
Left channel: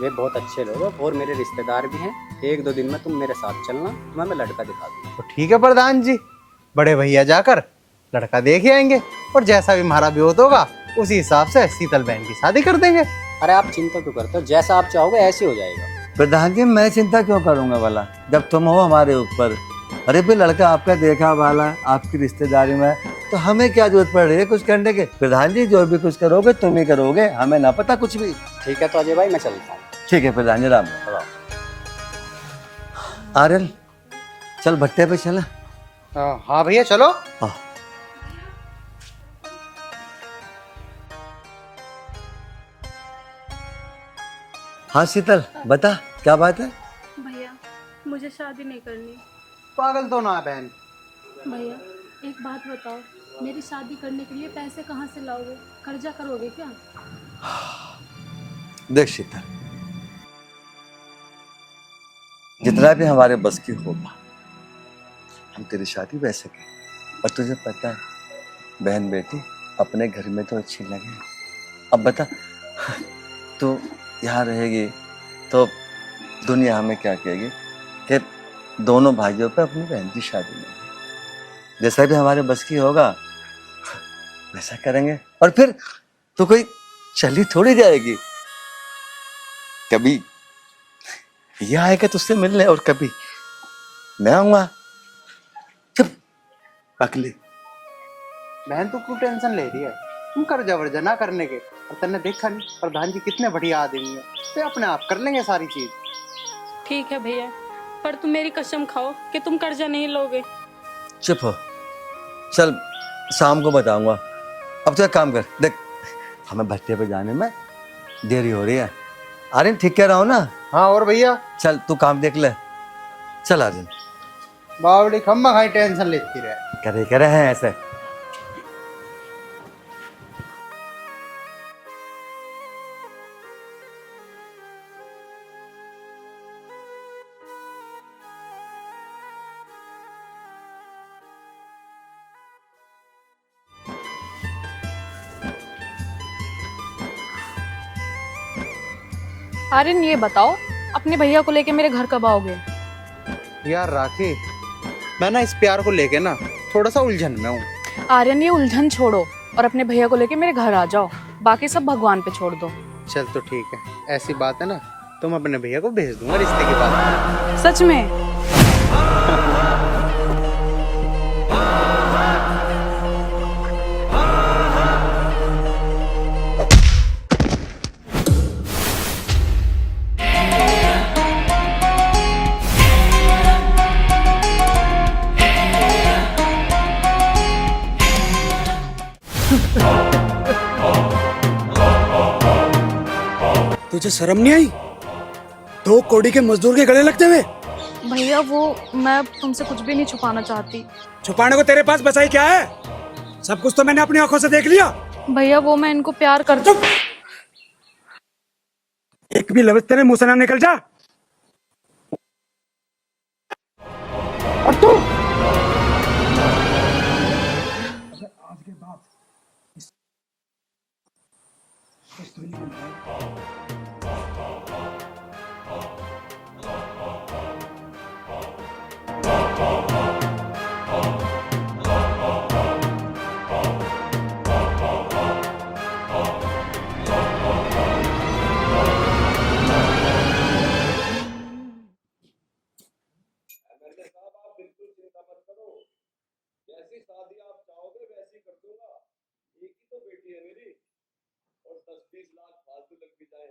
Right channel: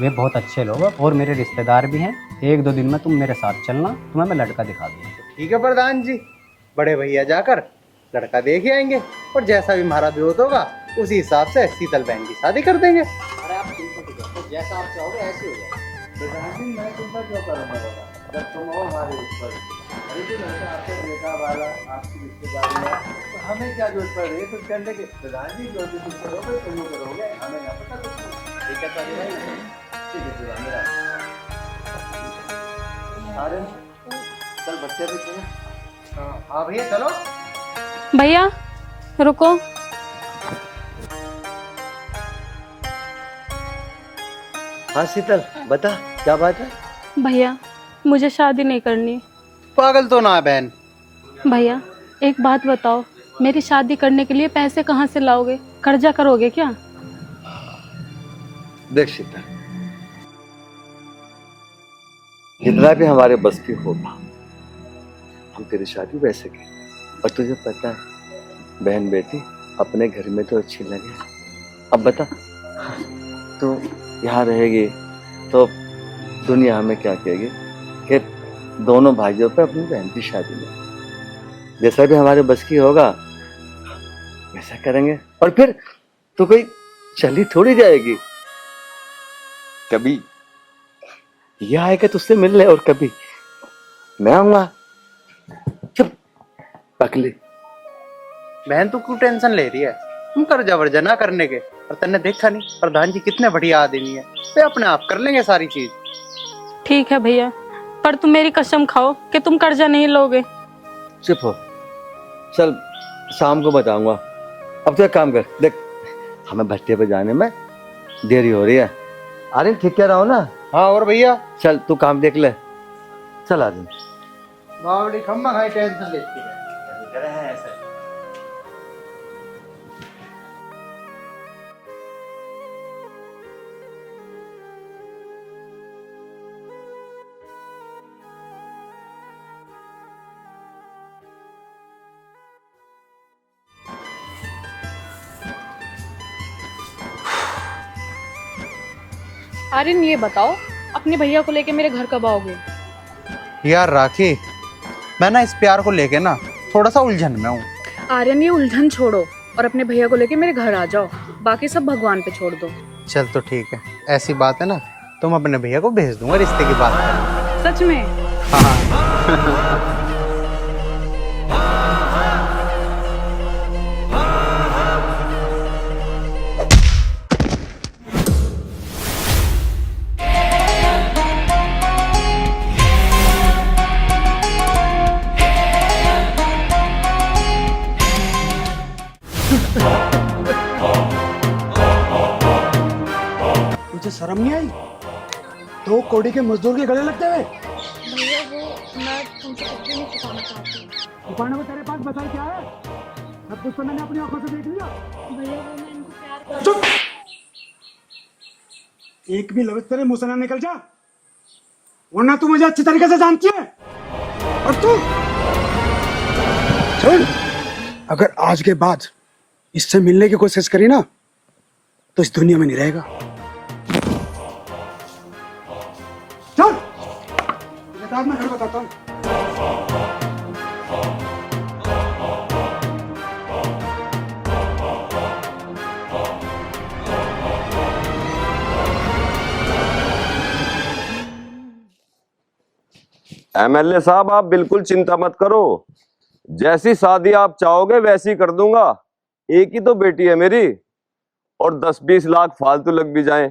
वे बहुत अच्छे लोग हैं और मेरे रिश्तेदार भी हैं। 1-2 दिन में तुम मेरे साथ चलना, तुम्हें मैं लड़का दिखा दूंगा। तो ठीक है प्रधान जी, बड़े भैया जाकर लड़का देख ही आएंगे और जैसा भी हमारा विरोध होगा उसी हिसाब से शीतल बहन की शादी कर देंगे। अरे आप चिंता तो करते हो, जैसा आप चाहोगे ऐसे हो जाएगा। प्रधान जी मैं चिंता क्यों करूंगा वाला, जब तुम हो हमारे ऊपर। अरे भी लड़का आपका देखा वाला, आपकी रिश्तेदारी में, तो हमें क्या जरूरत पड़ रही है कुछ करने के। प्रधान जी जो भी कुछ करोगे तुम ही करोगे, हमें ना पता कुछ भी। ठीक है तो अजय भाई मैं चलता हूँ। ठीक है प्रधान जी, राम। आर्यन चल भट्टे पे चला। हाँ भैया चलो। भैया रुको। हाँ शीतल बता क्या बात है। भैया मुझे शादी नहीं करनी। पागल तो ना बहन। भैया एक बात बताओ, मेरी शादी करने के लिए पैसे कहाँ से लाओगे? कर्जा करोगे क्या? देख शीतल, जितना भी हमारे बस की होगा हम तेरी शादी वैसे की। और तुझे पता है बहन बेटी अपने घर में तो अच्छी लगे। अब बता तू यहाँ रहेगी तो दुनिया हमें क्या कहेगी कि दोनों भाइयों पे अपनी बहन की शादी में। जैसा भी हमारे बस की होगा वैसा करेंगे। और फिर तो कोई चली थोड़ी जाएगी, कभी ये आएगा तुझसे मिलने और कभी मैं आऊंगा। चुप पकली। बहन तू क्यों टेंशन ले रही है, हम कर जबरजा ना करने के। और तन्ने देखा नहीं प्रधान जी कितने बढ़िया आदमी है, वे अपने आप कर लेंगे सारी चीज। ठीक है भैया, पर तुम मेरी कसम खाओ कि तुम कर्जा नहीं लोगे। चुप हो, चल शाम को बताऊंगा। अब तो एक काम कर, देख हमें भट्टे पे जाने में देरी हो रही है। अरे ठीक कह रहा हूँ ना। हाँ और भैया चल तू काम देख ले, चल आर्यन। बावड़ी खम्मा खाई टेंशन लेती रहे। करे हैं ऐसे। आर्यन ये बताओ, अपने भैया को लेके मेरे घर कब आओगे? यार राखी, मैं ना इस प्यार को लेके ना थोड़ा सा उलझन में हूँ। आर्यन ये उलझन छोड़ो और अपने भैया को लेके मेरे घर आ जाओ, बाकी सब भगवान पे छोड़ दो। चल तो ठीक है, ऐसी बात है ना तुम अपने भैया को भेज दूंगा रिश्ते के बाद। सच में? तुझे शर्म नहीं आई 2 कौड़ी के मजदूर के गले लगते हुए? भैया वो मैं तुमसे कुछ भी नहीं छुपाना चाहती। छुपाने को तेरे पास बचाई क्या है? सब कुछ तो मैंने अपनी आंखों से देख लिया। भैया वो मैं इनको प्यार करती हूँ। एक भी लफ्ज तेरे मुंह से ना निकल जा, वरना तू मुझे अच्छी तरीके से जानती है। और तुम सुन, अगर आज के बाद इससे मिलने की कोशिश करी ना तो इस दुनिया में नहीं रहेगा। चल मैं घर बताता हूँ। एमएलए साहब आप बिल्कुल चिंता मत करो, जैसी शादी आप चाहोगे वैसी कर दूंगा। एक ही तो बेटी है मेरी, और 10-20 लाख फालतू लग भी जाएं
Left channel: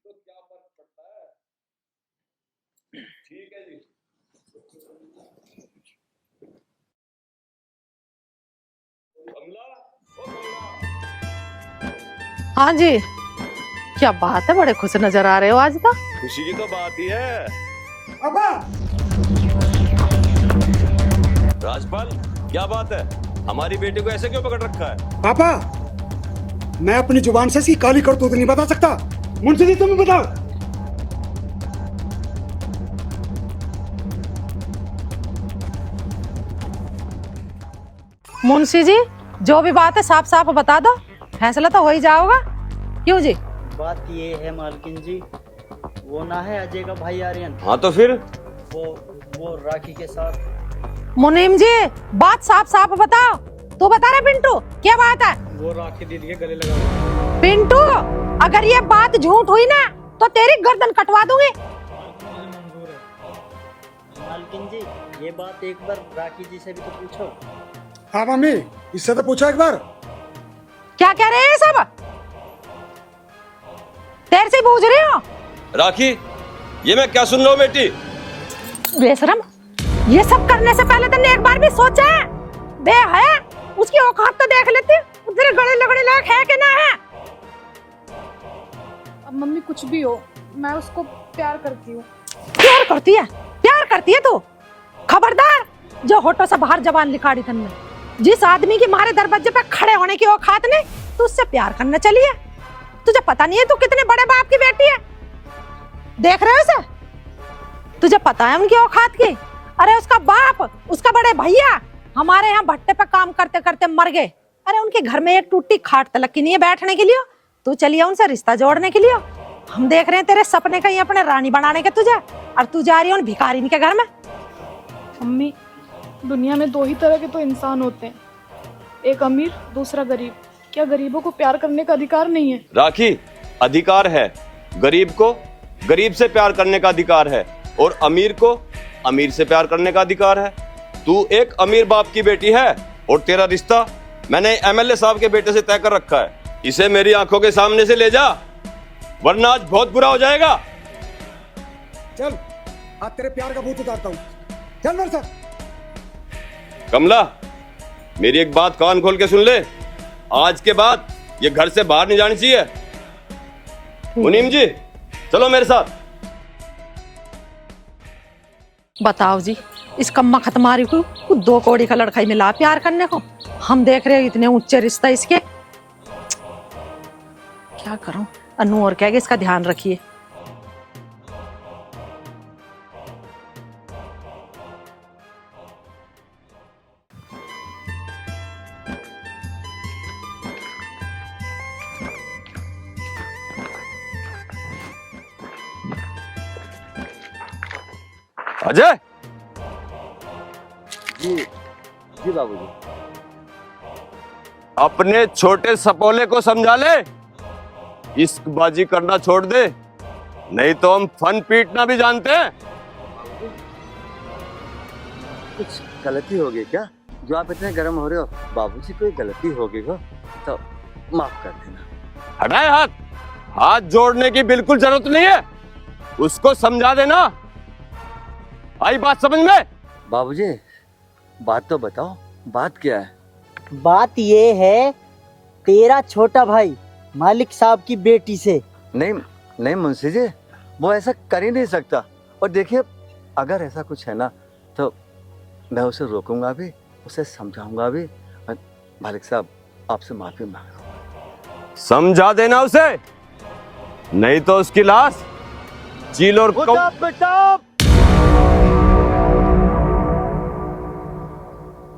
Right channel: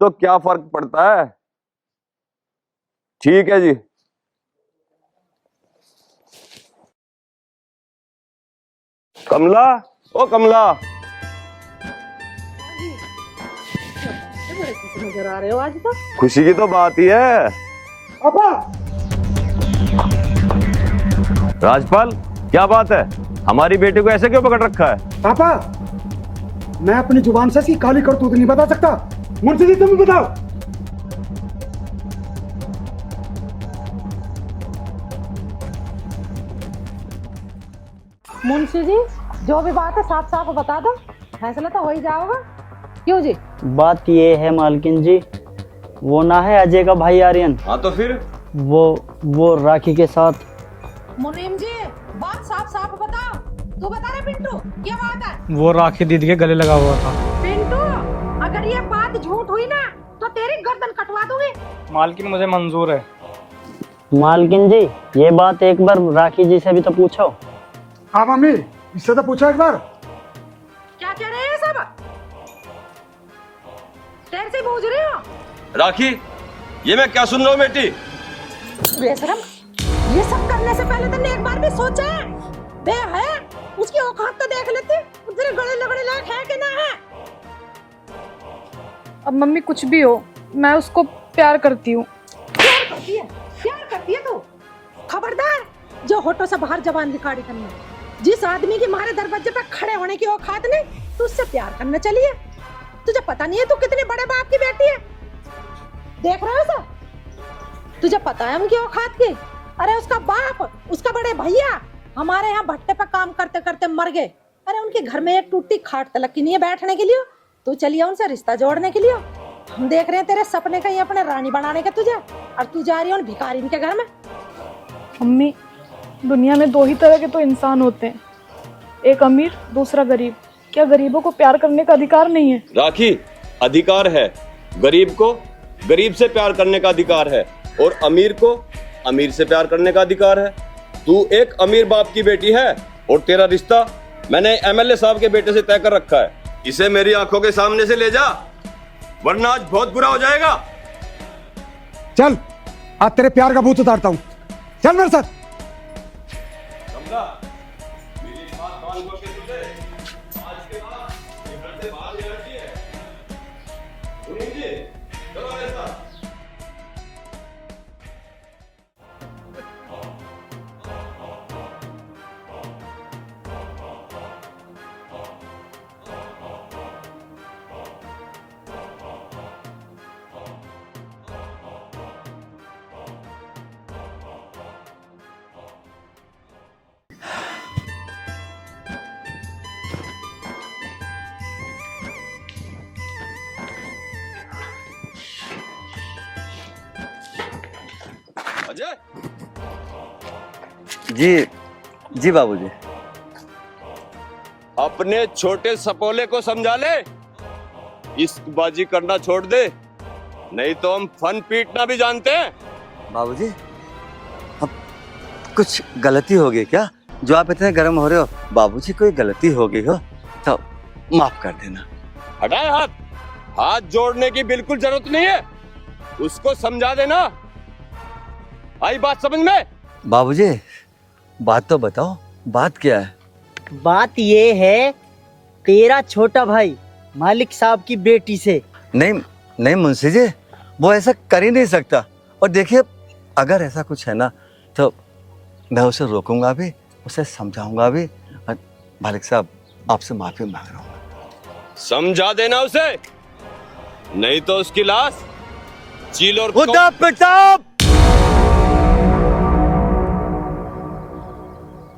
तो क्या फर्क पड़ता है। ठीक है जी। कमला, ओ कमला। हाँ जी, क्या बात है, बड़े खुश नजर आ रहे हो आज तो। खुशी की तो बात ही है। पापा, राजपाल, क्या बात है? हमारी बेटी को ऐसे क्यों पकड़ रखा है? पापा, मैं अपनी जुबान से इसकी काली करतूत नहीं बता सकता। मुंशी जी, तुम बताओ। मुंशी जी, जो भी बात है साफ साफ बता दो, फैसला तो हो ही जाओगा। क्यों जी? बात ये है मालकिन जी, वो ना है अजय का भाई आर्यन, हाँ तो फिर? वो राखी के साथ। मुनीम जी, बात साफ साफ बताओ। तू बता रहा पिंटू, क्या बात है? वो राखी दीदी के गले लगा हुआ था। पिंटू, अगर ये बात झूठ हुई ना तो तेरी गर्दन कटवा दूंगी। मालकिन मुझे मंजूर है। मालकिन जी, ये बात एक बार राखी जी से भी तो पूछो। हाँ मम्मी, इससे तो पूछो एक बार। क्या कह रहे हैं सब? तेरे से पूछ रही हो। राखी, ये मैं क्या सुन रहा हूँ बेटी? बेशरम, ये सब करने से पहले तुमने एक बार भी सोचा है? बे है, उसकी औकात तो देख लेती, तेरे गले लगड़े लायक है कि ना है? अब मम्मी कुछ भी हो, मैं उसको प्यार करती हूँ। प्यार करती है? प्यार करती है तू? खबरदार, जो होठों से बाहर जबान निकाली तुमने। जिस आदमी की मारे दरवाजे पे खड़े होने की औकात ने, तू उससे प्यार करना चली है। तुझे पता नहीं है तू कितने बड़े बाप की बेटी है? देख रहे हो उसे? तुझे पता है उनकी औकात की? अरे उसका बाप, उसका बड़े भैया हमारे यहाँ भट्टे पे काम करते करते मर गए। अरे उनके घर में एक टूटी खाट तलक की नहीं है बैठने के लिए। तू चलिए उनसे रिश्ता जोड़ने के लिए। हम देख रहे हैं तेरे सपने कहीं अपने रानी बनाने के तुझे, और तू जा रही है उन भिखारिन के घर में। मम्मी, दुनिया में दो ही तरह के तो इंसान होते हैं, एक अमीर, दूसरा गरीब। क्या गरीबों को प्यार करने का अधिकार नहीं है? राखी, अधिकार है। गरीब को गरीब से प्यार करने का अधिकार है, और अमीर को अमीर से प्यार करने का अधिकार है। तू एक अमीर बाप की बेटी है, और तेरा रिश्ता मैंने एमएलए साहब के बेटे से तय कर रखा है। इसे मेरी आंखों के सामने से ले जा, वरना आज बहुत बुरा हो जाएगा। चल, आज तेरे प्यार का भूत उतारता हूँ। चल मेरे साथ। कमला, मेरी एक बात कान खोल के सुन ले। आज के बाद ये घर से बाहर नहीं जानी चाहिए। मुनीम जी, चलो मेरे साथ। बताओ जी, इस कम्मा खतमारी को 2 कौड़ी का लड़का ही मिला प्यार करने को। हम देख रहे हैं इतने ऊंचे रिश्ता इसके। क्या करूं? अनु और कहेगा इसका ध्यान रखिए। अजय। जी जी बाबूजी। अपने छोटे सपोले को समझा ले, इश्कबाजी करना छोड़ दे, नहीं तो हम फन पीटना भी जानते हैं। बाबूजी, अब कुछ गलती हो गई क्या जो आप इतने गर्म हो रहे हो? बाबूजी, कोई गलती हो गई हो तो माफ कर देना। हटाए हाथ। हाथ जोड़ने की बिल्कुल जरूरत नहीं है, उसको समझा देना। आई बात समझ में? बाबूजी, बात तो बताओ, बात क्या है? बात ये है, तेरा छोटा भाई मालिक साहब की बेटी से। नहीं नहीं मुंशी जी, वो ऐसा कर ही नहीं सकता। और देखिए, अगर ऐसा कुछ है ना तो मैं उसे रोकूंगा भी, उसे समझाऊंगा भी। और मालिक साहब, आपसे माफी मांग रहा हूँ। समझा देना उसे, नहीं तो उसकी लाश चील और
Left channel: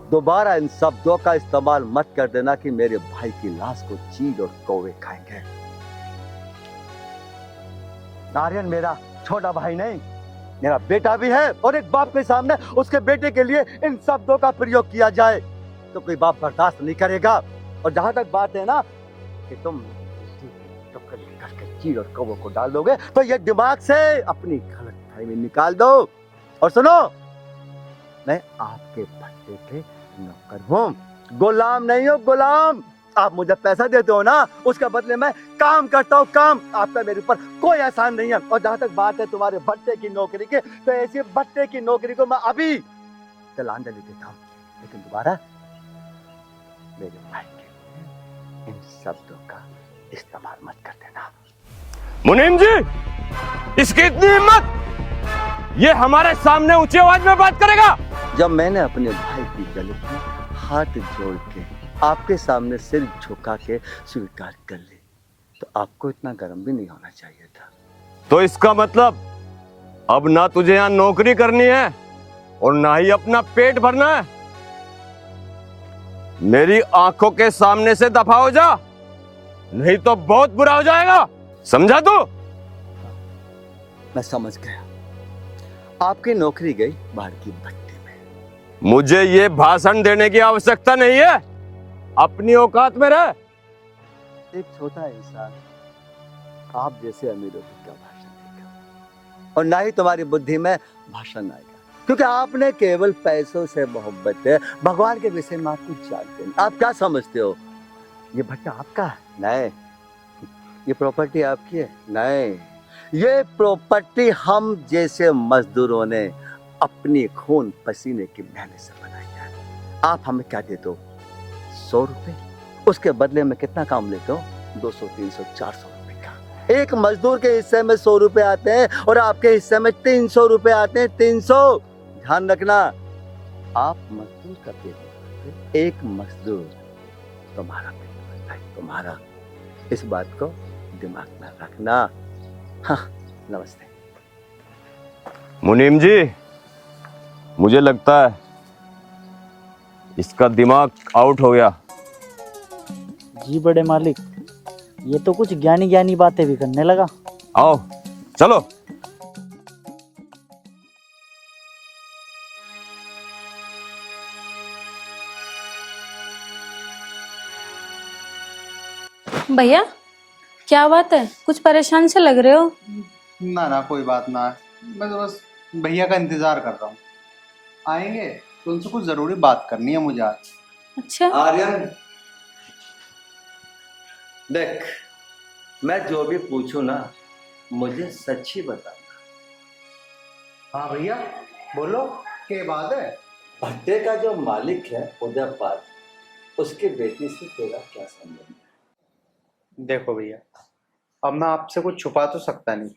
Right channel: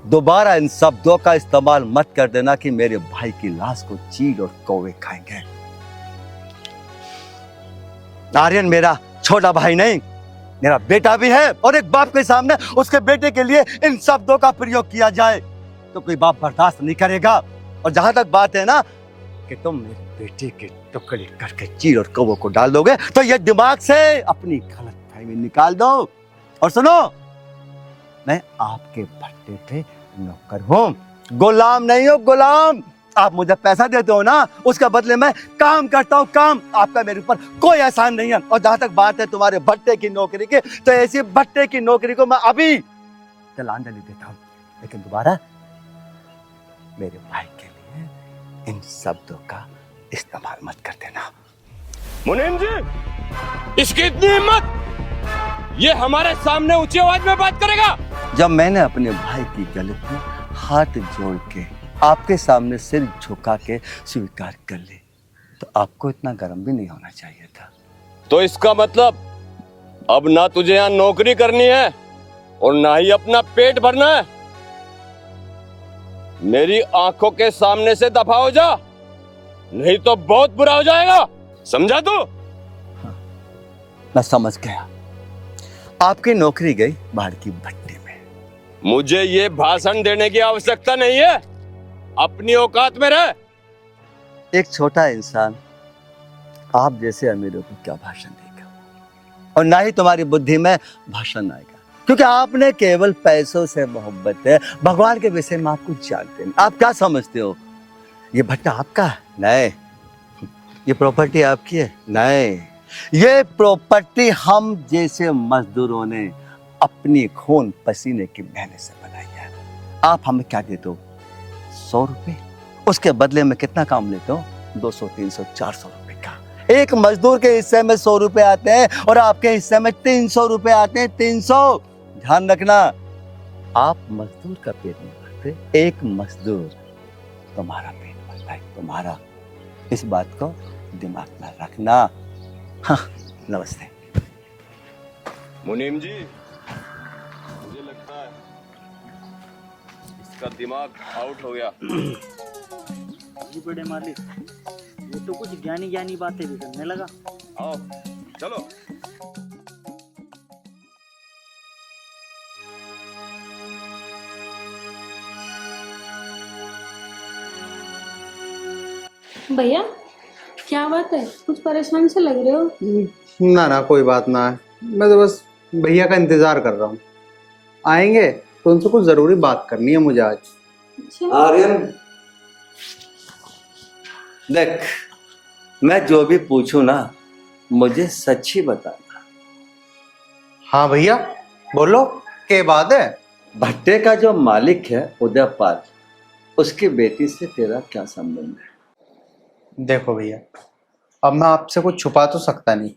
दोबारा इन शब्दों का इस्तेमाल मत कर देना कि मेरे भाई की लाश को चील और कौवे खाएंगे। आर्यन मेरा छोटा भाई नहीं, मेरा बेटा भी है, और एक बाप के सामने उसके बेटे के लिए इन शब्दों का प्रयोग किया जाए तो कोई बाप बर्दाश्त नहीं करेगा। और जहां तक बात है ना कि तुम बेटे के टुकड़े करके चील और कौवों को डाल दोगे, तो ये दिमाग से अपनी गलतफहमी निकाल दो। और सुनो, मैं आपके भट्टे पे नौकर हूँ, गुलाम नहीं हो, गुलाम। आप मुझे पैसा देते हो ना, उसके बदले मैं काम करता हूँ, काम। आपका मेरे ऊपर कोई एहसान नहीं है। और जहां तक बात है तुम्हारे भट्टे की नौकरी की, तो ऐसी भट्टे की नौकरी को मैं अभी तिलांजलि देता हूँ, लेकिन दोबारा मेरे भाई के लिए इन शब्दों का इस्तेमाल मत कर देना। मुनीम जी, इसकी इतनी हिम्मत, ये हमारे सामने ऊंची आवाज में बात करेगा? जब मैंने अपने भाई की गले पे हाथ जोड़ के आपके सामने सिर झुका के स्वीकार कर ली, तो आपको इतना गर्म भी नहीं होना चाहिए था। तो इसका मतलब अब ना तुझे यहाँ नौकरी करनी है और ना ही अपना पेट भरना है। मेरी आंखों के सामने से दफा हो जा, नहीं तो बहुत बुरा हो जाएगा, समझा तू? मैं समझ गया। आपकी नौकरी गई बाढ़ की भट्टी में। मुझे ये भाषण देने की आवश्यकता नहीं है, अपनी औकात में रह। एक छोटा इंसान आप जैसे अमीरों को क्या भाषण देगा, और ना ही तुम्हारी बुद्धि में भाषण आएगा, क्योंकि आपने केवल पैसों से मोहब्बत है, भगवान के विषय में आप कुछ जानते नहीं। आप क्या समझते हो, ये भट्टा आपका है? नहीं। ये प्रॉपर्टी आपकी है? नहीं। ये प्रॉपर्टी हम जैसे मजदूरों ने अपनी खून पसीने की मेहनत से बनाई है। आप हमें क्या देते हो? 100 रुपए। उसके बदले में कितना काम लेते हो? 200, 300, 400 रुपए का। एक मजदूर के हिस्से में 100 रुपए आते हैं और आपके हिस्से में 300 रुपए आते हैं। 300। ध्यान रखना, आप मजदूर का पेट नहीं भरते, एक मजदूर तुम्हारा पेट भरता है, तुम्हारा। इस बात को दिमाग में रखना। हाँ, नमस्ते। मुनीम जी, मुझे लगता है इसका दिमाग आउट हो गया। जी बड़े मालिक, ये तो कुछ ज्ञानी ज्ञानी बातें भी करने लगा। आओ चलो। भैया क्या बात है, कुछ परेशान से लग रहे हो? ना ना, कोई बात ना है। मैं तो बस भैया का इंतजार कर रहा हूँ, आएंगे तो उनसे कुछ जरूरी बात करनी है मुझे आज। अच्छा। आर्यन देख, मैं जो भी पूछूं ना, मुझे सच ही बताना। हाँ भैया बोलो, क्या बात है? भट्टे का जो मालिक है उदयपाल, उसकी बेटी से तेरा क्या संबंध है? देखो भैया, अब मैं आपसे कुछ छुपा तो सकता नहीं।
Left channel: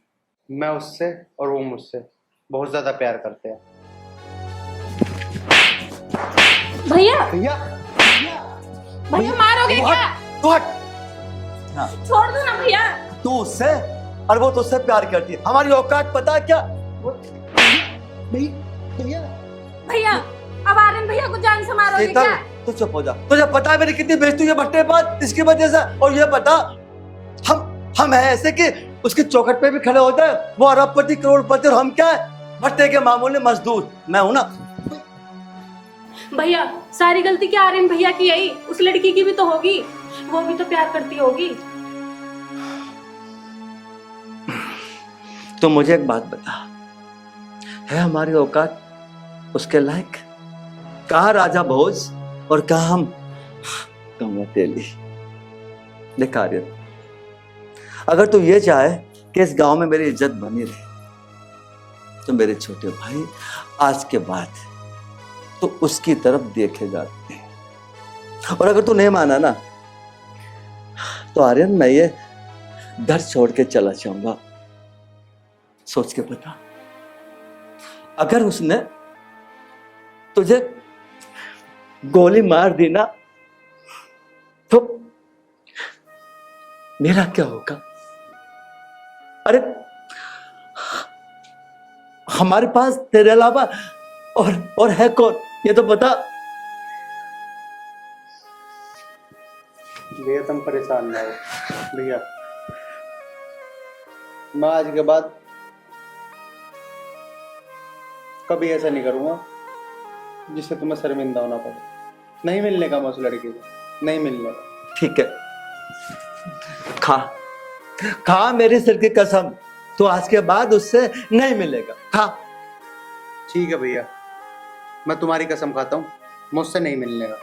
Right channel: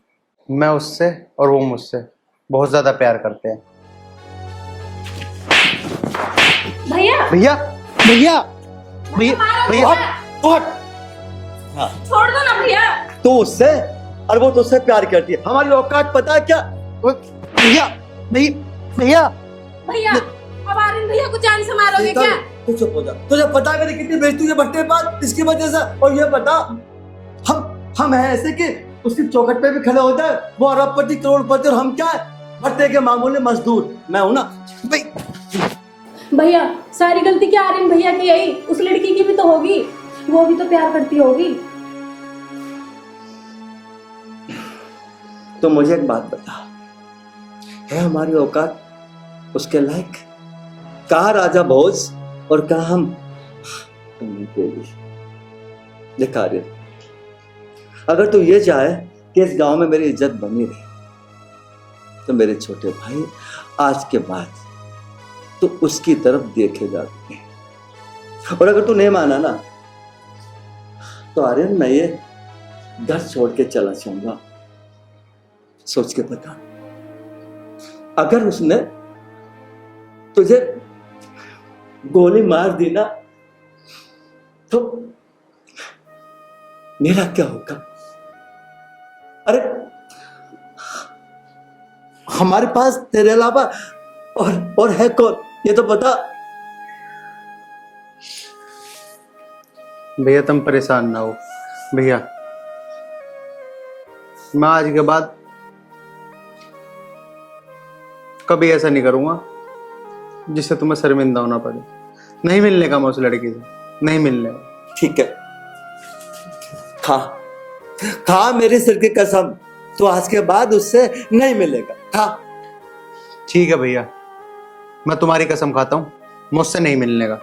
मैं उससे और वो मुझसे बहुत ज्यादा प्यार करते हैं। भैया भैया भैया भैया भैया छोड़ दो ना भैया। तो उससे, और वो तुझसे प्यार करती है। हमारी औकात पता है क्या? भैया भैया भैया अब आर्यन भैया को जान से मारोगे क्या? तू चुप हो जा। तुझे पता है मेरी कितनी बेइज्जती हुई है भट्टे पास इसकी वजह से। और ये बता, हम हैं ऐसे कि उसकी चौखट पे भी खड़े होते हैं। वो अरबपति करोड़पति और हम क्या है? भट्टे के मामूली मजदूर। मैं हूं ना भैया सारी गलती क्या आर्यन भैया की आई? उस लड़की की भी तो होगी, वो भी तो प्यार करती होगी। तो मुझे एक बात बता, है हमारी औकात उसके लायक? कहा राजा भोज और कहा हम तेली। देख आर्यन, अगर तू ये चाहे कि इस गांव में मेरी इज्जत बनी रहे, तो मेरे छोटे भाई आज के बाद तो उसकी तरफ देखेगा। और अगर तू नहीं माना ना, तो आर्यन मैं ये दर्द छोड़ के चला जाऊंगा। सोच के बता, अगर उसने तुझे गोली मार दी ना, तो मेरा क्या होगा? अरे हमारे पास तेरे अलावा और है कौन, ये तो बता। भैया तुम परेशान ना हो। भैया मैं आज के बाद कभी ऐसा नहीं करूंगा जिससे तुम्हें शर्मिंदा होना पड़े। नहीं मिलने का मैं उस लड़की से, नहीं मिलने का। ठीक है, खा मेरे सिर की कसम, तो आज के बाद उससे नहीं मिलेगा। खा। ठीक है भैया, मैं तुम्हारी कसम खाता हूं, मुझसे नहीं मिलने का।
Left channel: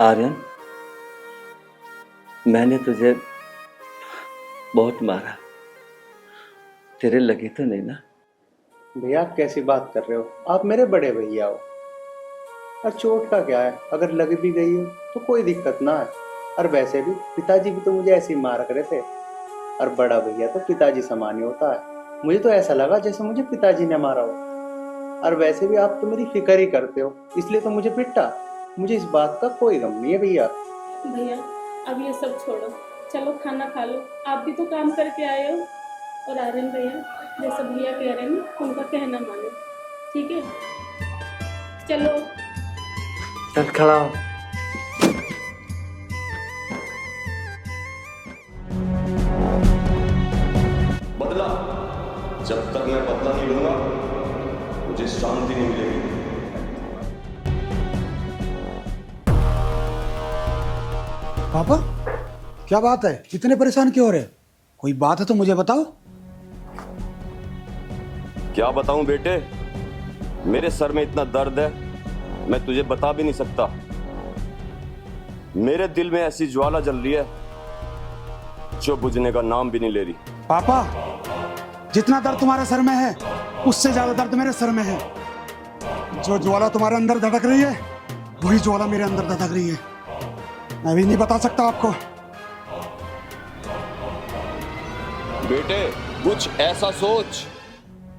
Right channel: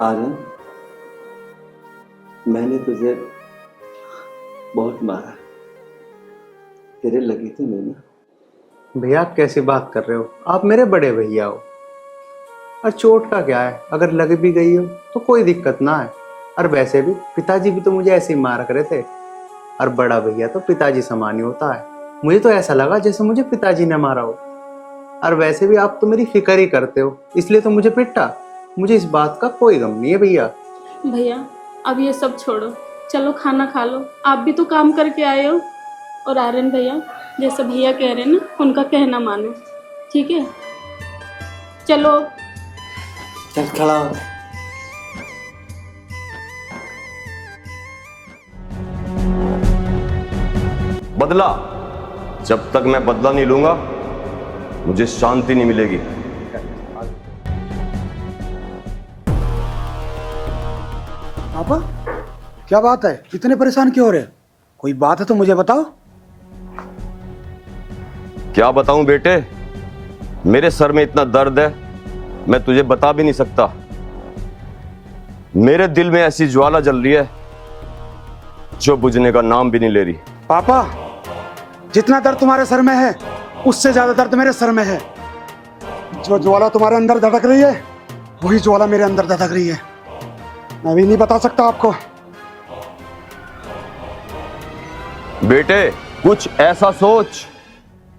आर्यन, मैंने तुझे बहुत मारा, तेरे लगी तो नहीं ना? भैया आप कैसी बात कर रहे हो? आप मेरे बड़े भैया हो। और चोट का क्या है, अगर लग भी गई हो तो कोई दिक्कत ना है। और वैसे भी पिताजी भी तो मुझे ऐसे ही मार करे थे, और बड़ा भैया तो पिताजी समान ही होता है। मुझे तो ऐसा लगा जैसे मुझे पिताजी ने मारा हो। और वैसे भी आप तो मेरी फिक्र ही करते हो, इसलिए तो मुझे पिटा। मुझे इस बात का कोई गम नहीं है भैया। भैया अब ये सब छोड़ो, चलो खाना खा लो, आप भी तो काम करके आए हो। और आर्यन भैया जैसे भैया कह रहे हैं ना, उनका कहना मानो, ठीक है? चलो चल खड़ा हो। बदला, जब तक मैं बदला नहीं लूंगा मुझे शांति नहीं मिलेगी। पापा क्या बात है, इतने परेशान क्यों हो रहे हो? कोई बात है तो मुझे बताओ। क्या बताऊं बेटे, मेरे सर में इतना दर्द है मैं तुझे बता भी नहीं सकता। मेरे दिल में ऐसी ज्वाला जल रही है जो बुझने का नाम भी नहीं ले रही। पापा जितना दर्द तुम्हारे सर में है उससे ज्यादा दर्द मेरे सर में है। जो ज्वाला तुम्हारे अंदर धड़क रही है वही ज्वाला मेरे अंदर धड़क रही है। मैं भी नहीं बता सकता आपको। बेटे कुछ ऐसा सोच,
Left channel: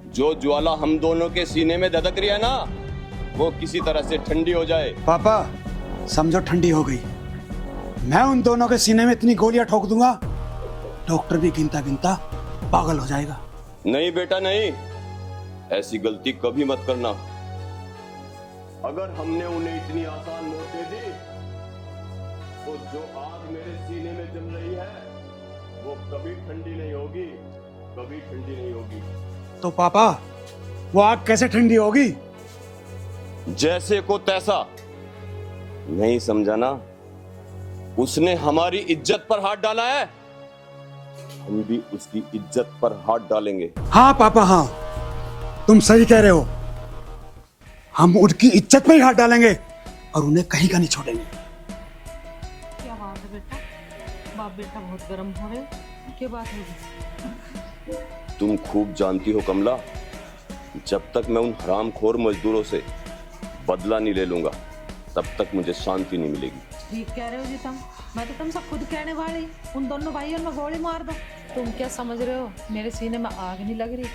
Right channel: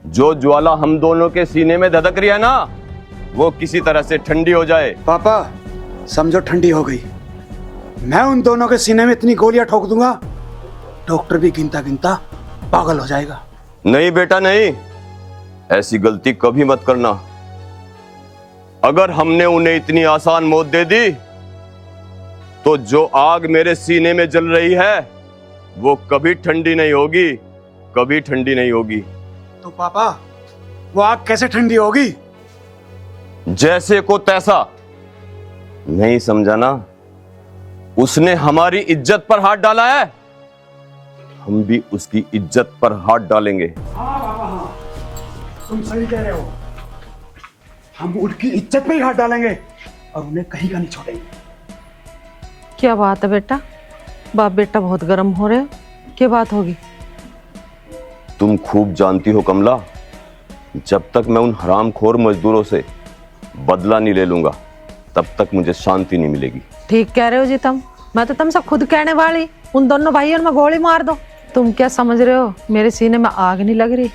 जो ज्वाला हम दोनों के सीने में धधक रही है ना, वो किसी तरह से ठंडी हो जाए। पापा समझो ठंडी हो गई। मैं उन दोनों के सीने में इतनी गोलियां ठोक दूंगा डॉक्टर भी गिनता गिनता पागल हो जाएगा। नहीं बेटा नहीं, ऐसी गलती कभी मत करना। अगर हमने उन्हें इतनी आसान मौत दे दी तो जो आग मेरे सीने में जल रही है वो कभी ठंडी नहीं होगी, कभी ठंडी नहीं होगी। तो पापा वो आग कैसे ठंडी होगी? जैसे को तैसा। नहीं समझा ना? उसने हमारी इज्जत पर हाथ डाला है, हम भी उसकी इज्जत पर हाथ डालेंगे। हाँ पापा हाँ, तुम सही कह रहे हो। हम उनकी इज्जत पे ही हाथ डालेंगे और उन्हें कहीं का नहीं छोड़ेंगे। क्या बात है बेटा, बाप बेटा बहुत गर्म हो रहे हो, क्या बात होगी? तुम खूब जानती हो कमला, जब तक मैं उन हरामखोर मजदूरों से बदला नहीं ले लूंगा तब तक मुझे शांति नहीं मिलेगी। ठीक कह रहे हो जी तुम। मैं तो तुमसे खुद कहने वाली, उन दोनों भाइयों में गोली मार दो। तुम क्या समझ रहे हो, मेरे सीने में आग नहीं लग रही।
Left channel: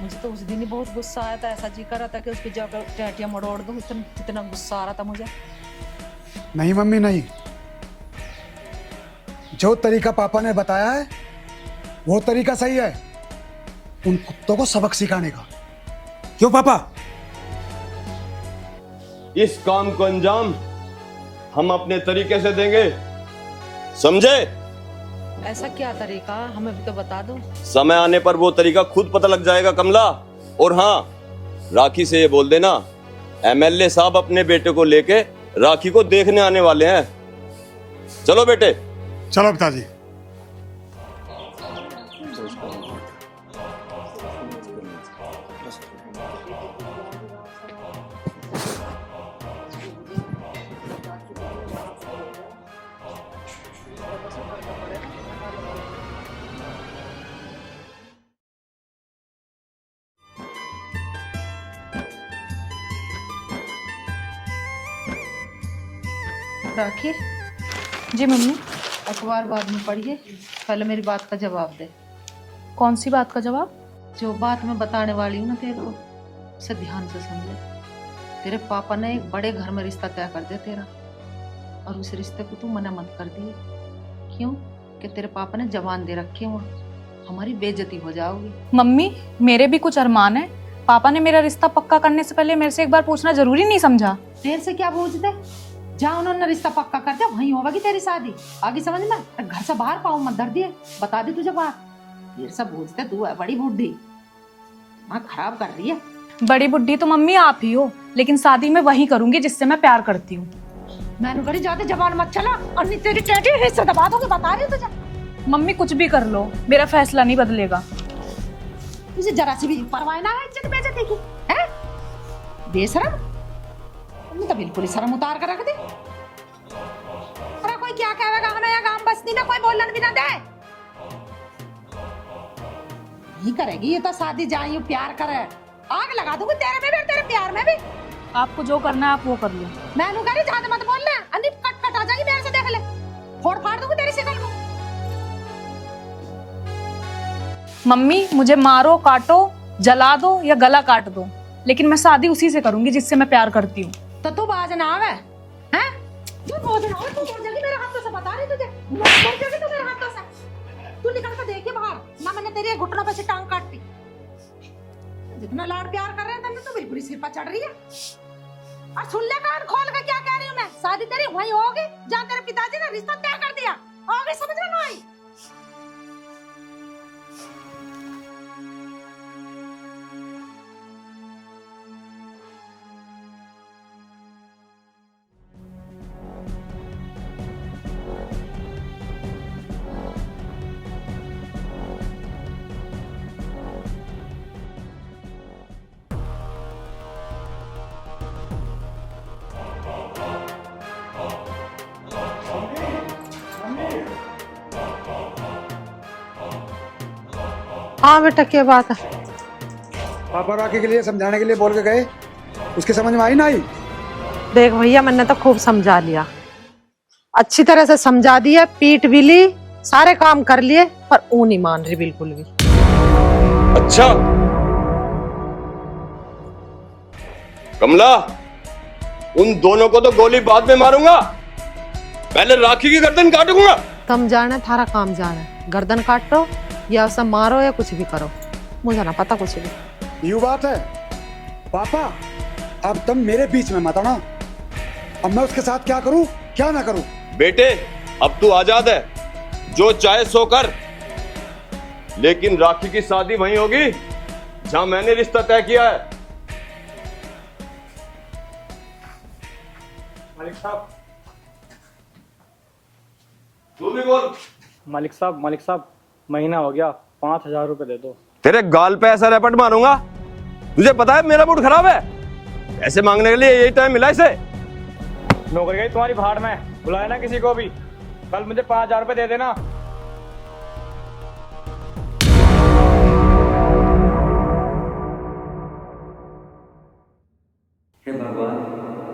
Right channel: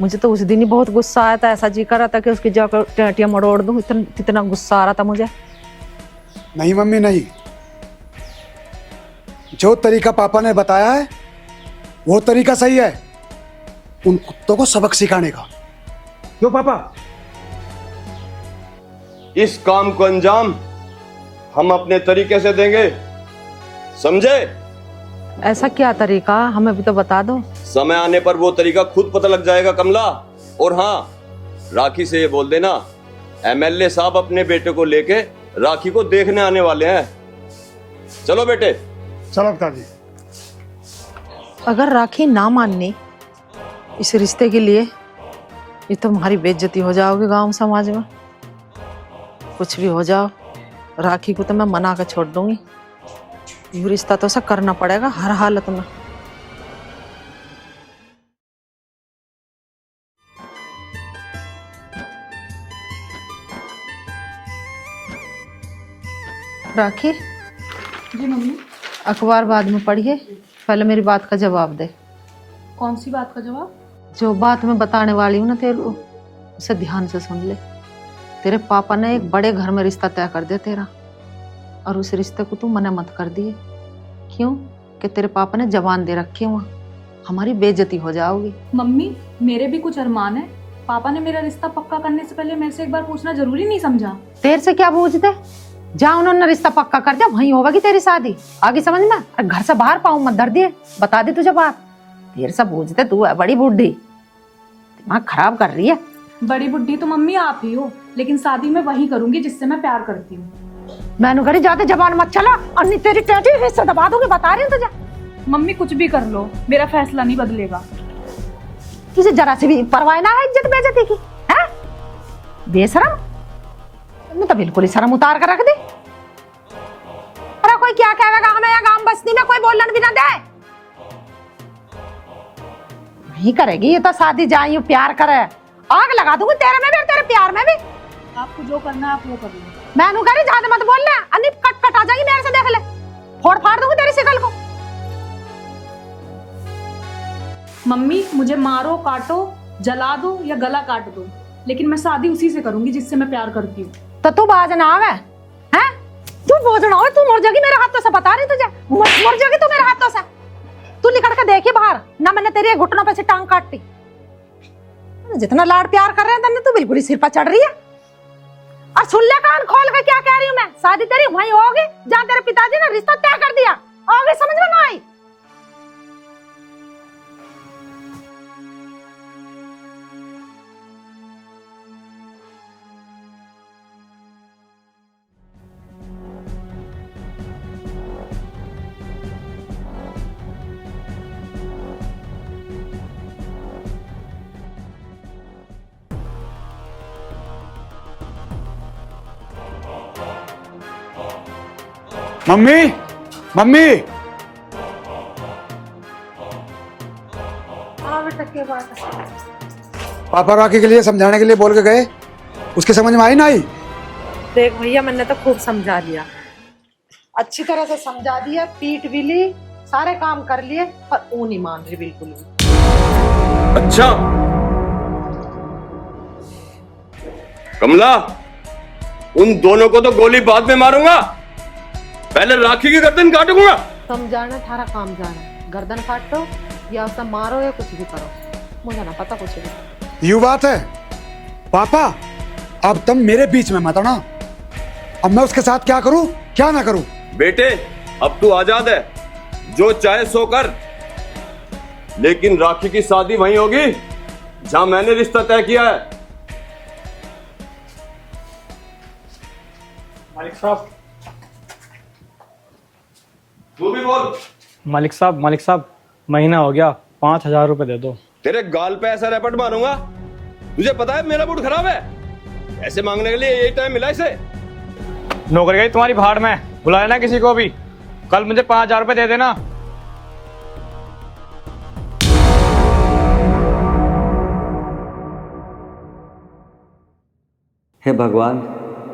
मुझे तो उस दिन ही बहुत गुस्सा आया था, ऐसा जी कर रहा था कि उसकी जाकर टेटियां मरोड़ दूं। कितना गुस्सा आ रहा था मुझे। नहीं मम्मी नहीं, जो तरीका पापा ने बताया है वो तरीका सही है, उन कुत्तों को सबक सिखाने का। क्यों पापा? इस काम को अंजाम हम अपने तरीके से देंगे, समझे? ऐसा क्या तरीका, हमें भी तो बता दो। समय आने पर वो तरीका खुद पता लग जाएगा कमला। और हाँ, राखी से ये बोल देना एमएलए साहब अपने बेटे को लेके राखी को देखने आने वाले हैं। चलो बेटे। चलो पिताजी। अगर राखी ना माननी इस रिश्ते के लिए, ये तो तुम्हारी बेइज्जती हो जाओगे गांव समाज में। कुछ भी हो जाओ, राखी को तो मैं मना कर छोड़ दूंगी। ये रिश्ता तो ऐसा करना पड़ेगा हर हालत में। राखी जी मम्मी। अखबार बाद में पढ़िए, पहले मेरी बात का जवाब दे। कौन सी बात का जवाब? जो बात मैं बताने वाली हूँ ना तेरे को, उसे ध्यान से सुन ले। तेरे पापा ने एक बड़े घर में रिश्ता तय कर दिया तेरा, और उस रिश्ते को तू मना मत कर दिए। क्यों? कि तेरे पापा ने जबान दे रखी है, हमारी बेइज्जती हो जाओगी। मम्मी मेरे भी कुछ अरमान है। पापा ने मेरा रिश्ता पक्का करने से पहले मेरे से एक बार पूछना जरूरी नहीं समझा? तेरे से क्या पूछते? जहाँ उन्होंने रिश्ता पक्का कर दिया वहीं होगी तेरी शादी। आगे समझना, घर से बाहर पाऊं मत धर दिए। बता दी तुझे बात। तेरे से पूछते, तू है बड़ी बुढ़ी, दिमाग खराब कर रही है। बड़ी बुढ़ी तो मम्मी आप ही हो, लेकिन शादी में वही करूंगी जिससे मैं प्यार करती हूँ। मैंने करी ज्यादा जबान मत चला, और नहीं तेरी टेटी हिस्सा दबा दूंगी, बता रही हूँ तुझे। मम्मी कुछ भी कर लो, मेरा फैसला नहीं बदलेगा। तुझे जरा से भी परवाह ना है इज्जत बेइज्जती की, है? बेशरम, तुमने तो बिल्कुल ही शर्म उतार कर रख दी। अरे कोई क्या कहेगा ना, या गांव बस्ती में कोई बोलन भी ना दे। नहीं करेगी ये तो शादी, जाई प्यार करे, आग लगा दूंगी तेरे में भी और तेरे प्यार में भी। आपको जो करना है आप वो कर लो। मैं नु कह रही ज्यादा मत बोलना, अन्नी कट कट आ जाएगी मेरे से, देख ले फोड़ फाड़ दूंगी तेरी शकल को। मम्मी मुझे मारो, काटो, जला दो या गला काट दो, लेकिन मैं शादी उसी से करूंगी जिससे मैं प्यार करती हूँ। तो तू बाज ना आवे हैं, तू बोझ ना हो, तू मर जाएगी मेरे हाथों से, पता नहीं तुझे, मर जाएगी तू मेरे हाथों से। तू निकल के देखी बाहर ना, मैंने तेरे घुटनों पे से टांग काटी। जितना लाड प्यार कर रहे हैं तू बिल्कुल ही सिर पर चढ़ रही है। और सुन ले कान खोल के क्या कह रही हूँ मैं, शादी तेरी वहीं होगी जहाँ तेरे पिताजी ने रिश्ता तय कर दिया, आगे समझ में ना आई। मम्मी मम्मी, हाँ बेटा क्या बात है? पापा राखी के लिए समझाने के लिए बोल के गए, उसके समझ में आई ना आई? देख भैया मैंने तो खूब समझा लिया, अच्छी तरह से समझा दिया, पीट भी ली, सारे काम कर लिए, पर वो नहीं मान रही बिल्कुल भी। अच्छा कमला, उन दोनों को तो गोली बाद में मारूंगा, पहले राखी की गर्दन काटूंगा। तुम जाने थारा काम जाने, गर्दन काटो या उसे मारो या कुछ भी करो, मुझे ना पता कुछ नहीं। यू बात है पापा, अब तुम मेरे बीच में मत आना, अब मैं उसके साथ क्या करूं क्या ना करूं। बेटे अब तू आजाद है, जो चाहे सो कर, लेकिन राखी की शादी वहीं होगी जहां मैंने रिश्ता तय किया है। मालिक साहब, तू भी बोल। मालिक साहब महीना हो गया, 5,000 रुपए दे दो। तेरे गाल पे ऐसा रैपट मारूंगा, तुझे पता है मेरा मूड खराब है, ऐसे मांगने के लिए यही टाइम मिला इसे। नौकरी गई तुम्हारी भाड़ में, बुलाया ना किसी को भी, कल मुझे 5,000 रुपए दे देना। हे भगवान,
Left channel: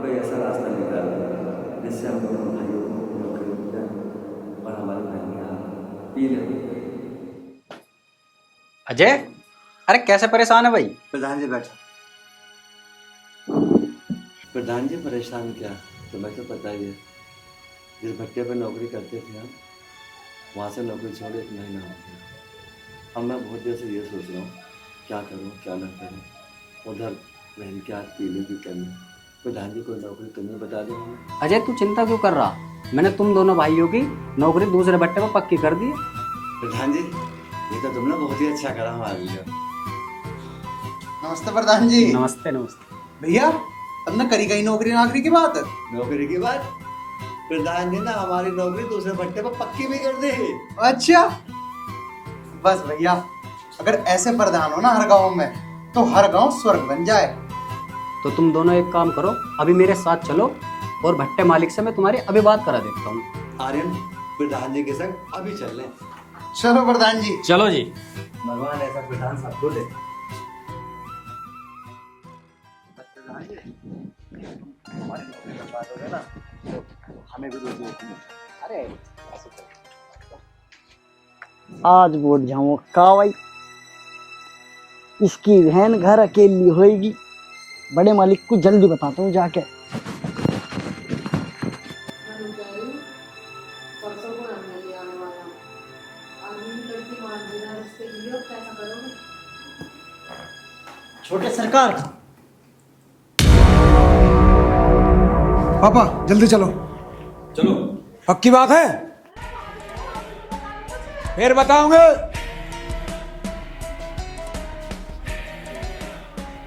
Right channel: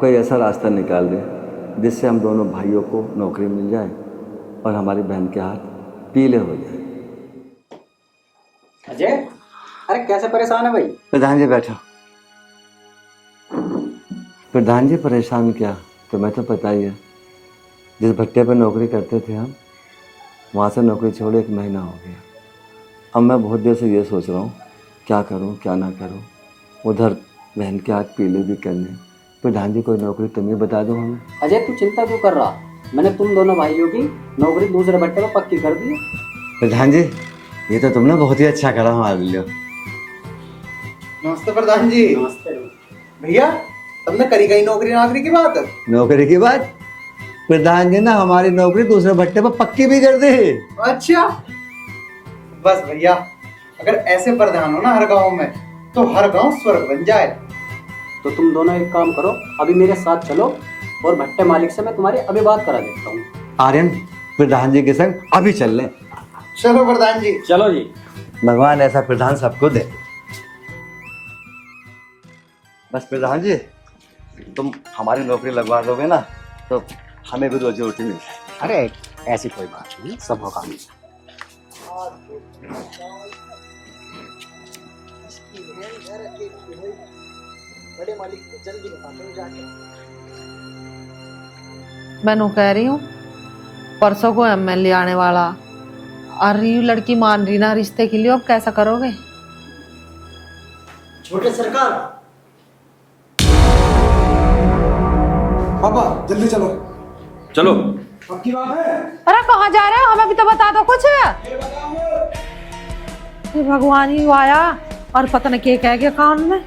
कोई ऐसा रास्ता निकाल दे जिससे हम दोनों भाइयों को नौकरी मिल जाए और हमारी बहन के हाथ पीले हो जाए। अजय, अरे कैसे परेशान है भाई? प्रधान जी बैठो। प्रधान जी परेशान क्या, तुम्हें तो पता ही है, जिस भट्टे पर नौकरी करते थे हम, वहाँ से नौकरी छोड़े 1 महीना हो गया। अब मैं बहुत देर से ये सोच रहा हूँ क्या करूँ क्या ना करूँ, उधर बहन के हाथ पीले भी करने। प्रधान जी कोई नौकरी तुम ही बता दो हमें। अजय तू चिंता क्यों कर रहा, मैंने तुम दोनों भाइयों की नौकरी दूसरे भट्टे पर पक्की कर दी है। प्रधान जी ये तो तुमने बहुत ही अच्छा करा हमारे लिए। नमस्ते प्रधान जी। नमस्ते नमस्ते। भैया तुमने करी गई नौकरी की बात? नौकरी की बात? प्रधान जी ना हमारी नौकरी दूसरे भट्टे पर पक्की भी कर दी। अच्छा बस भैया, अगर ऐसे प्रधान हो ना हर गांव में, तो हर गांव स्वर्ग बन जाए। तो तुम दोनों एक काम करो, अभी मेरे साथ चलो और भट्टे मालिक से मैं तुम्हारी अभी बात करा देता हूँ। आर्यन प्रधान जी के संग अभी चल लें। चलो प्रधान जी। चलो जी। भगवान ऐसा प्रधान सबको दे। बस प्रधान जी तुम हमारी नौकरी लगवा दोगे ना, तो हमें भी रोजी रोटी मिल जाए। अरे ऐसी कोई बात नहीं, सब होगा। आज बोल जाऊँ का भाई, इसकी बहन घर अकेली होएगी। बड़े मालिक को जल्दी बताता हूँ जाके। मैं नो कह रही हूँ, परसों को एमएलए आने वाला, और ये लड़की मान रही ना रिश्ते के लिए, अब कैसा करोगे? छोटे सरकार, पापा जल्दी चलो। चलो। पक्की बात है? अरे कहाँ जा रहे हो, हमें भी तो बता दो कुछ। फिर बताओगे। भगवान ही आया और पता नहीं क्या कह गया कान में,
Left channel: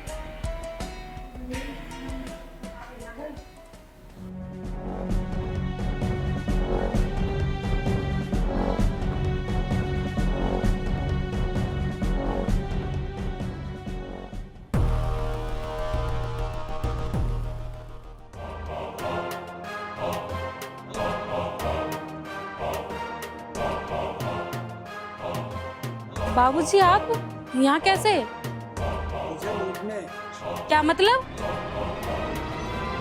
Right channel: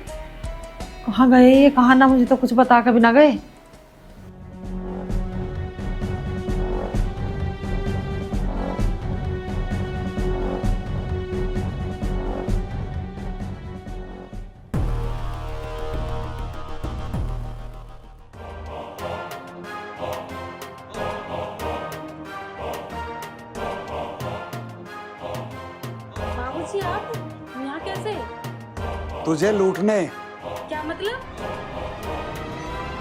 कहाँ गए ये, कहाँ ना, मुझे तो कुछ बता के भी ना गए। बाबूजी आप यहाँ कैसे? तुझे लूटने। क्या मतलब?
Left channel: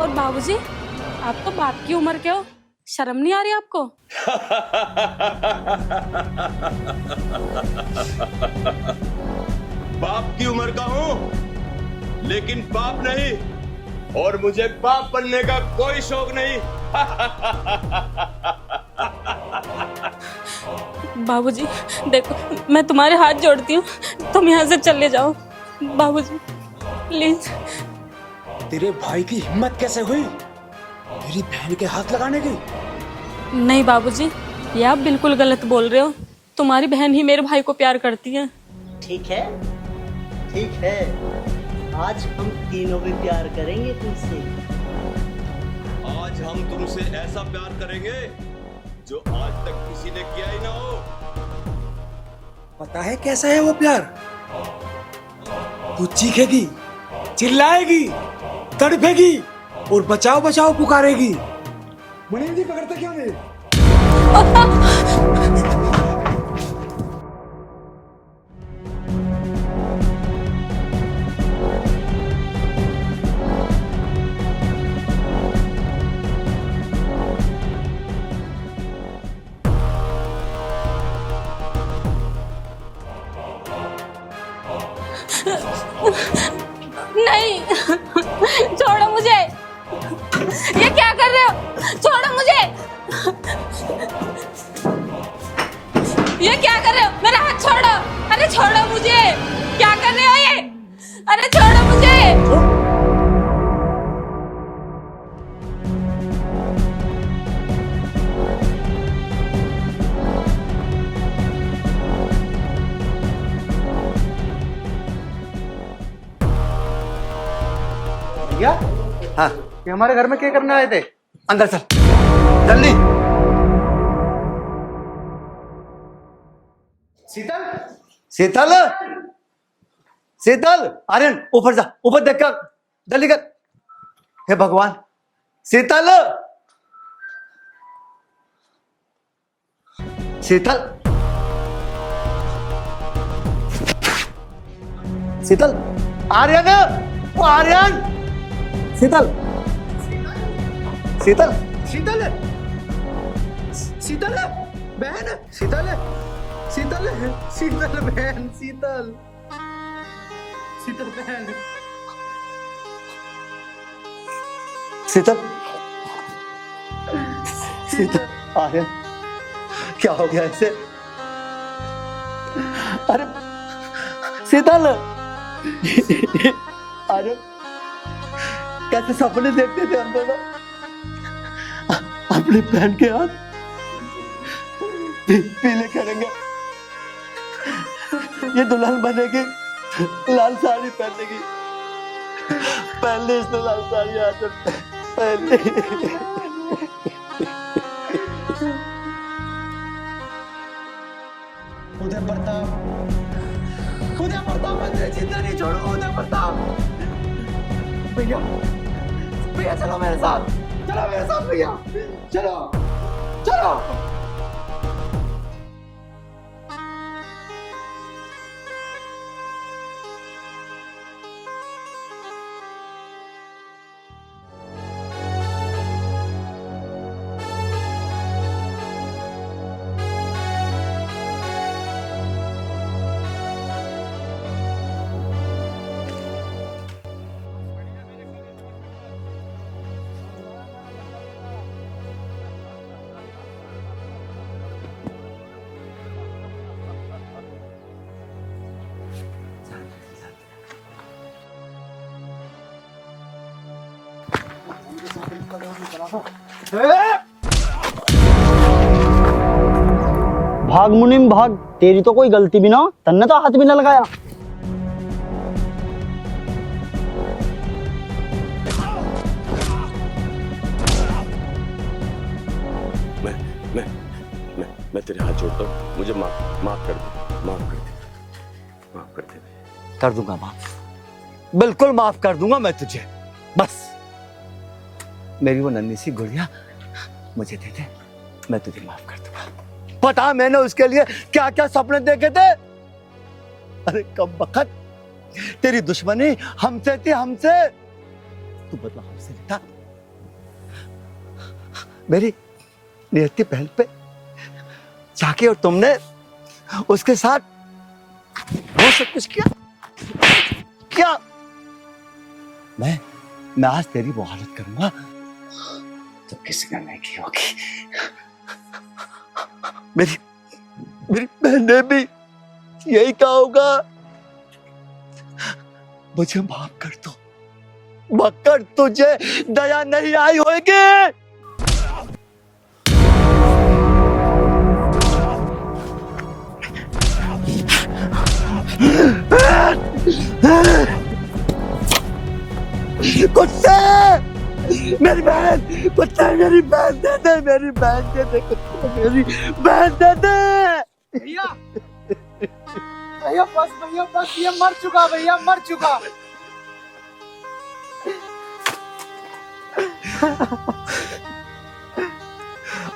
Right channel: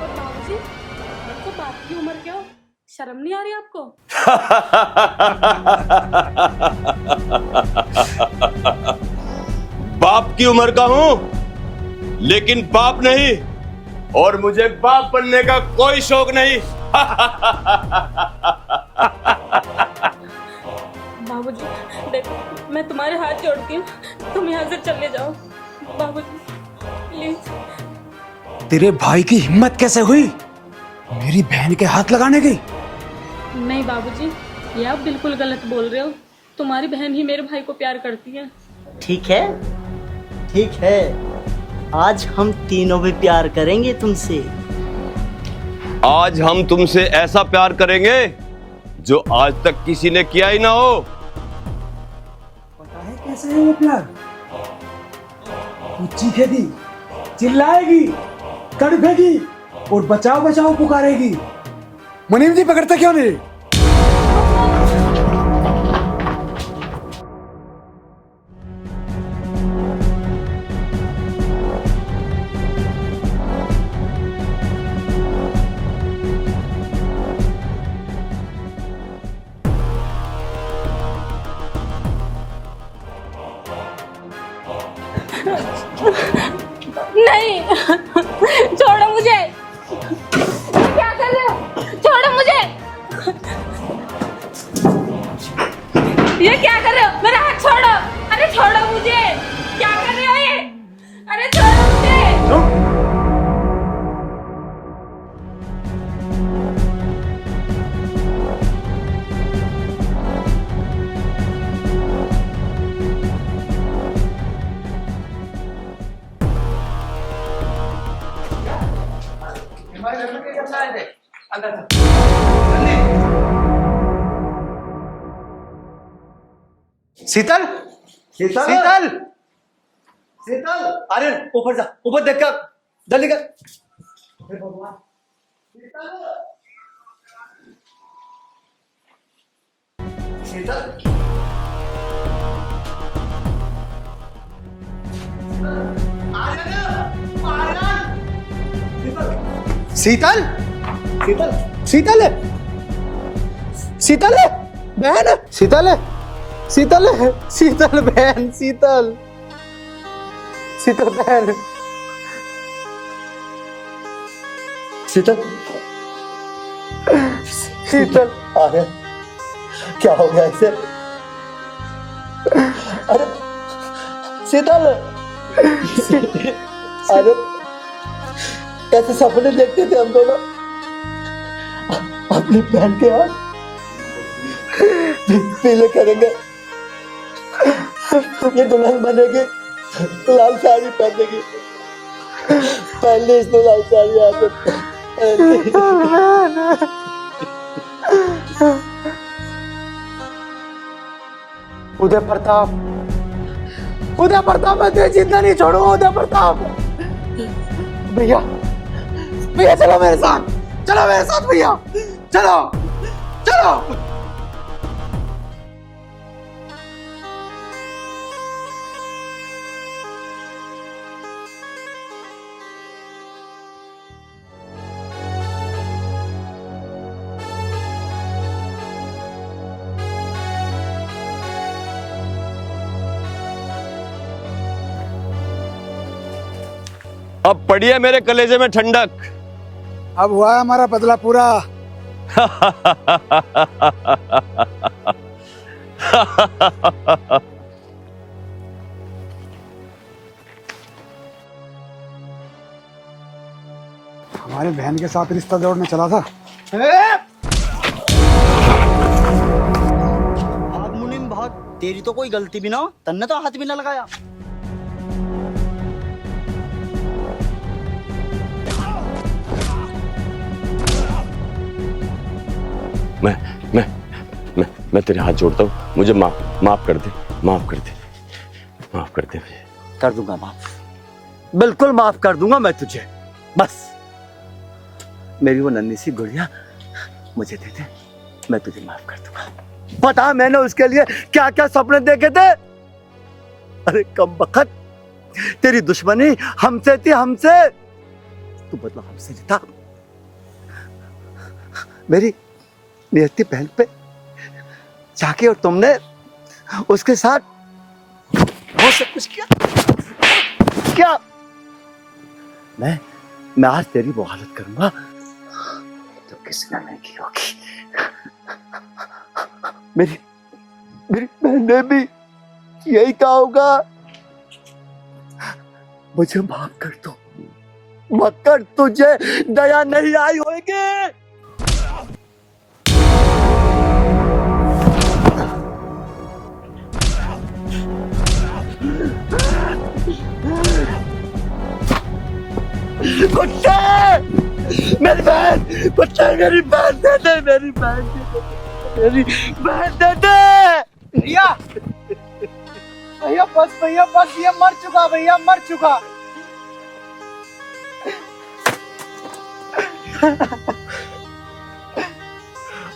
और बाबूजी, आप तो बाप की उम्र के हो, शर्म नहीं आ रही आपको? बाप की उम्र का हूं, लेकिन बाप नहीं, और मुझे बाप बनने का कोई शौक नहीं। बाबूजी देखो, मैं तुम्हारे हाथ जोड़ती हूँ, तुम यहाँ से चले जाओ। बाबूजी प्लीज। तेरे भाई की हिम्मत कैसे हुई मेरी बहन के हाथ लगाने की? नहीं बाबूजी, ये आप बिल्कुल गलत बोल रहे हो। तुम्हारी बहन ही मेरे भाई को प्यार करती है। ठीक है, ठीक है, आज हम तीनों भी प्यार करेंगे तुमसे। आज हम तुमसे ऐसा प्यार करेंगे जो आज तक किसी ने किया ही ना हो। पता है कैसा है वो प्यार? तू चीखेगी, चिल्लाएगी, तड़पेगी और बचाओ बचाओ पुकारेगी। मुनीम जी पकड़ते क्यों नहीं? नहीं, छोड़ो मुझे। ये क्या कर रहे हो? छोड़ो मुझे। ये क्या कर रहे हो? मेरा हाथ छोड़ो। अरे छोड़ो मुझे। क्या कर रहे हो ये? अरे छोड़ो मुझे। क्या? हाँ, ये हमारे घर में क्या करने आए थे? अंदर चल, जल्दी। शीतल, शीतल, शीतल, शीतल, आर्यन ऊपर जा, ऊपर देख कर, जल्दी कर। हे भगवान, शीतल, शीतल, शीतल, आर्यन, वो आर्यन, शीतल, शीतल, शीतल, शीतल, शीतल, बहन, शीतल, शीतल, शीतल बहन, शीतल, शीतल बहन, शीतल, शीतल, आर्यन, क्या हो गया इसे? अरे शीतल, अरे कैसे सपने देखते थे हम दोनों अपनी बहन के हाथ पीले करेंगे, ये दुल्हन बनेगी, लाल साड़ी पहनेगी, पहले इसने लाल साड़ी हाथ उदय प्रताप, उदय प्रताप, मैं तुझे जिंदा नहीं छोड़ूंगा। उदय प्रताप, भैया, भैया चलो मेरे साथ, चलो मेरे साथ भैया, चलो, चलो। अब पड़ी है मेरे कलेजे में ठंडक। अब हुआ हमारा बदला पूरा। हमारी बहन के साथ रिश्ता जोड़ने चला था। भाग मुनीम भाग, तेरी तो कोई गलती भी ना हो, तन्ने तो हाथ भी ना लगाया। मैं तेरे हाथ जोड़ता हूँ, मुझे माफ कर दे, माफ कर दे, माफ कर दे। कर दूंगा माफ, बिल्कुल माफ कर दूंगा मैं तुझे। बस मेरी वो नन्ही सी गुड़िया मुझे दे दे, मैं तुझे माफ कर दूंगा। बता मैंने उसके लिए क्या क्या सपने देखे थे? अरे कम बखत, तेरी दुश्मनी हमसे थी, हमसे। तू बदला हमसे लेता, मेरी नियति बहन पे जाके और तुमने उसके साथ बहुत सब कुछ किया। क्या मैं आज तेरी वो हालत करूंगा तो किसी ने नहीं की होगी। मेरी मेरी बहन ने भी यही कहा होगा। मुझे माफ कर दो, मगर तुझे दया नहीं आई होगी। कुत्ते, मेरी बहन, कुत्ता मेरी बहन दे दे, मेरी बहन दे दे, मेरी बहन दे दे। भैया भैया बस ये मर चुका, भैया मर चुका।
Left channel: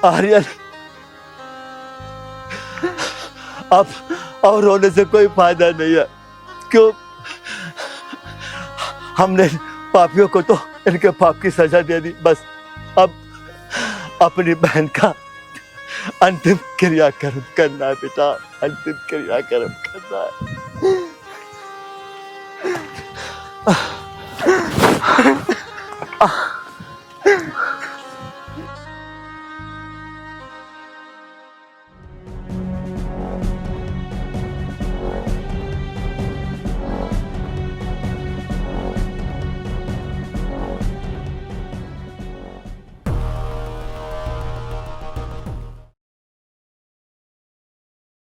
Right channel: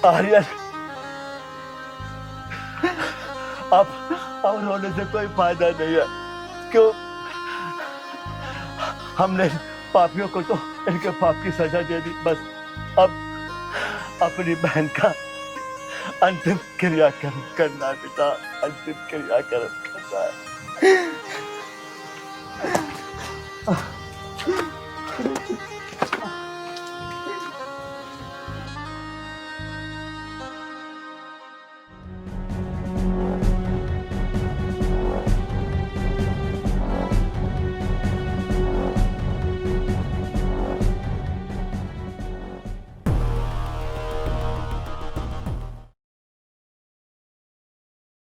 आर्यन, अब रोने से कोई फायदा नहीं है। क्यों? हमने पापियों को तो इनके पाप की सजा दे दी। बस अब अपनी बहन का अंतिम क्रियाक्रम करना बेटा, अंतिम क्रियाक्रम करना।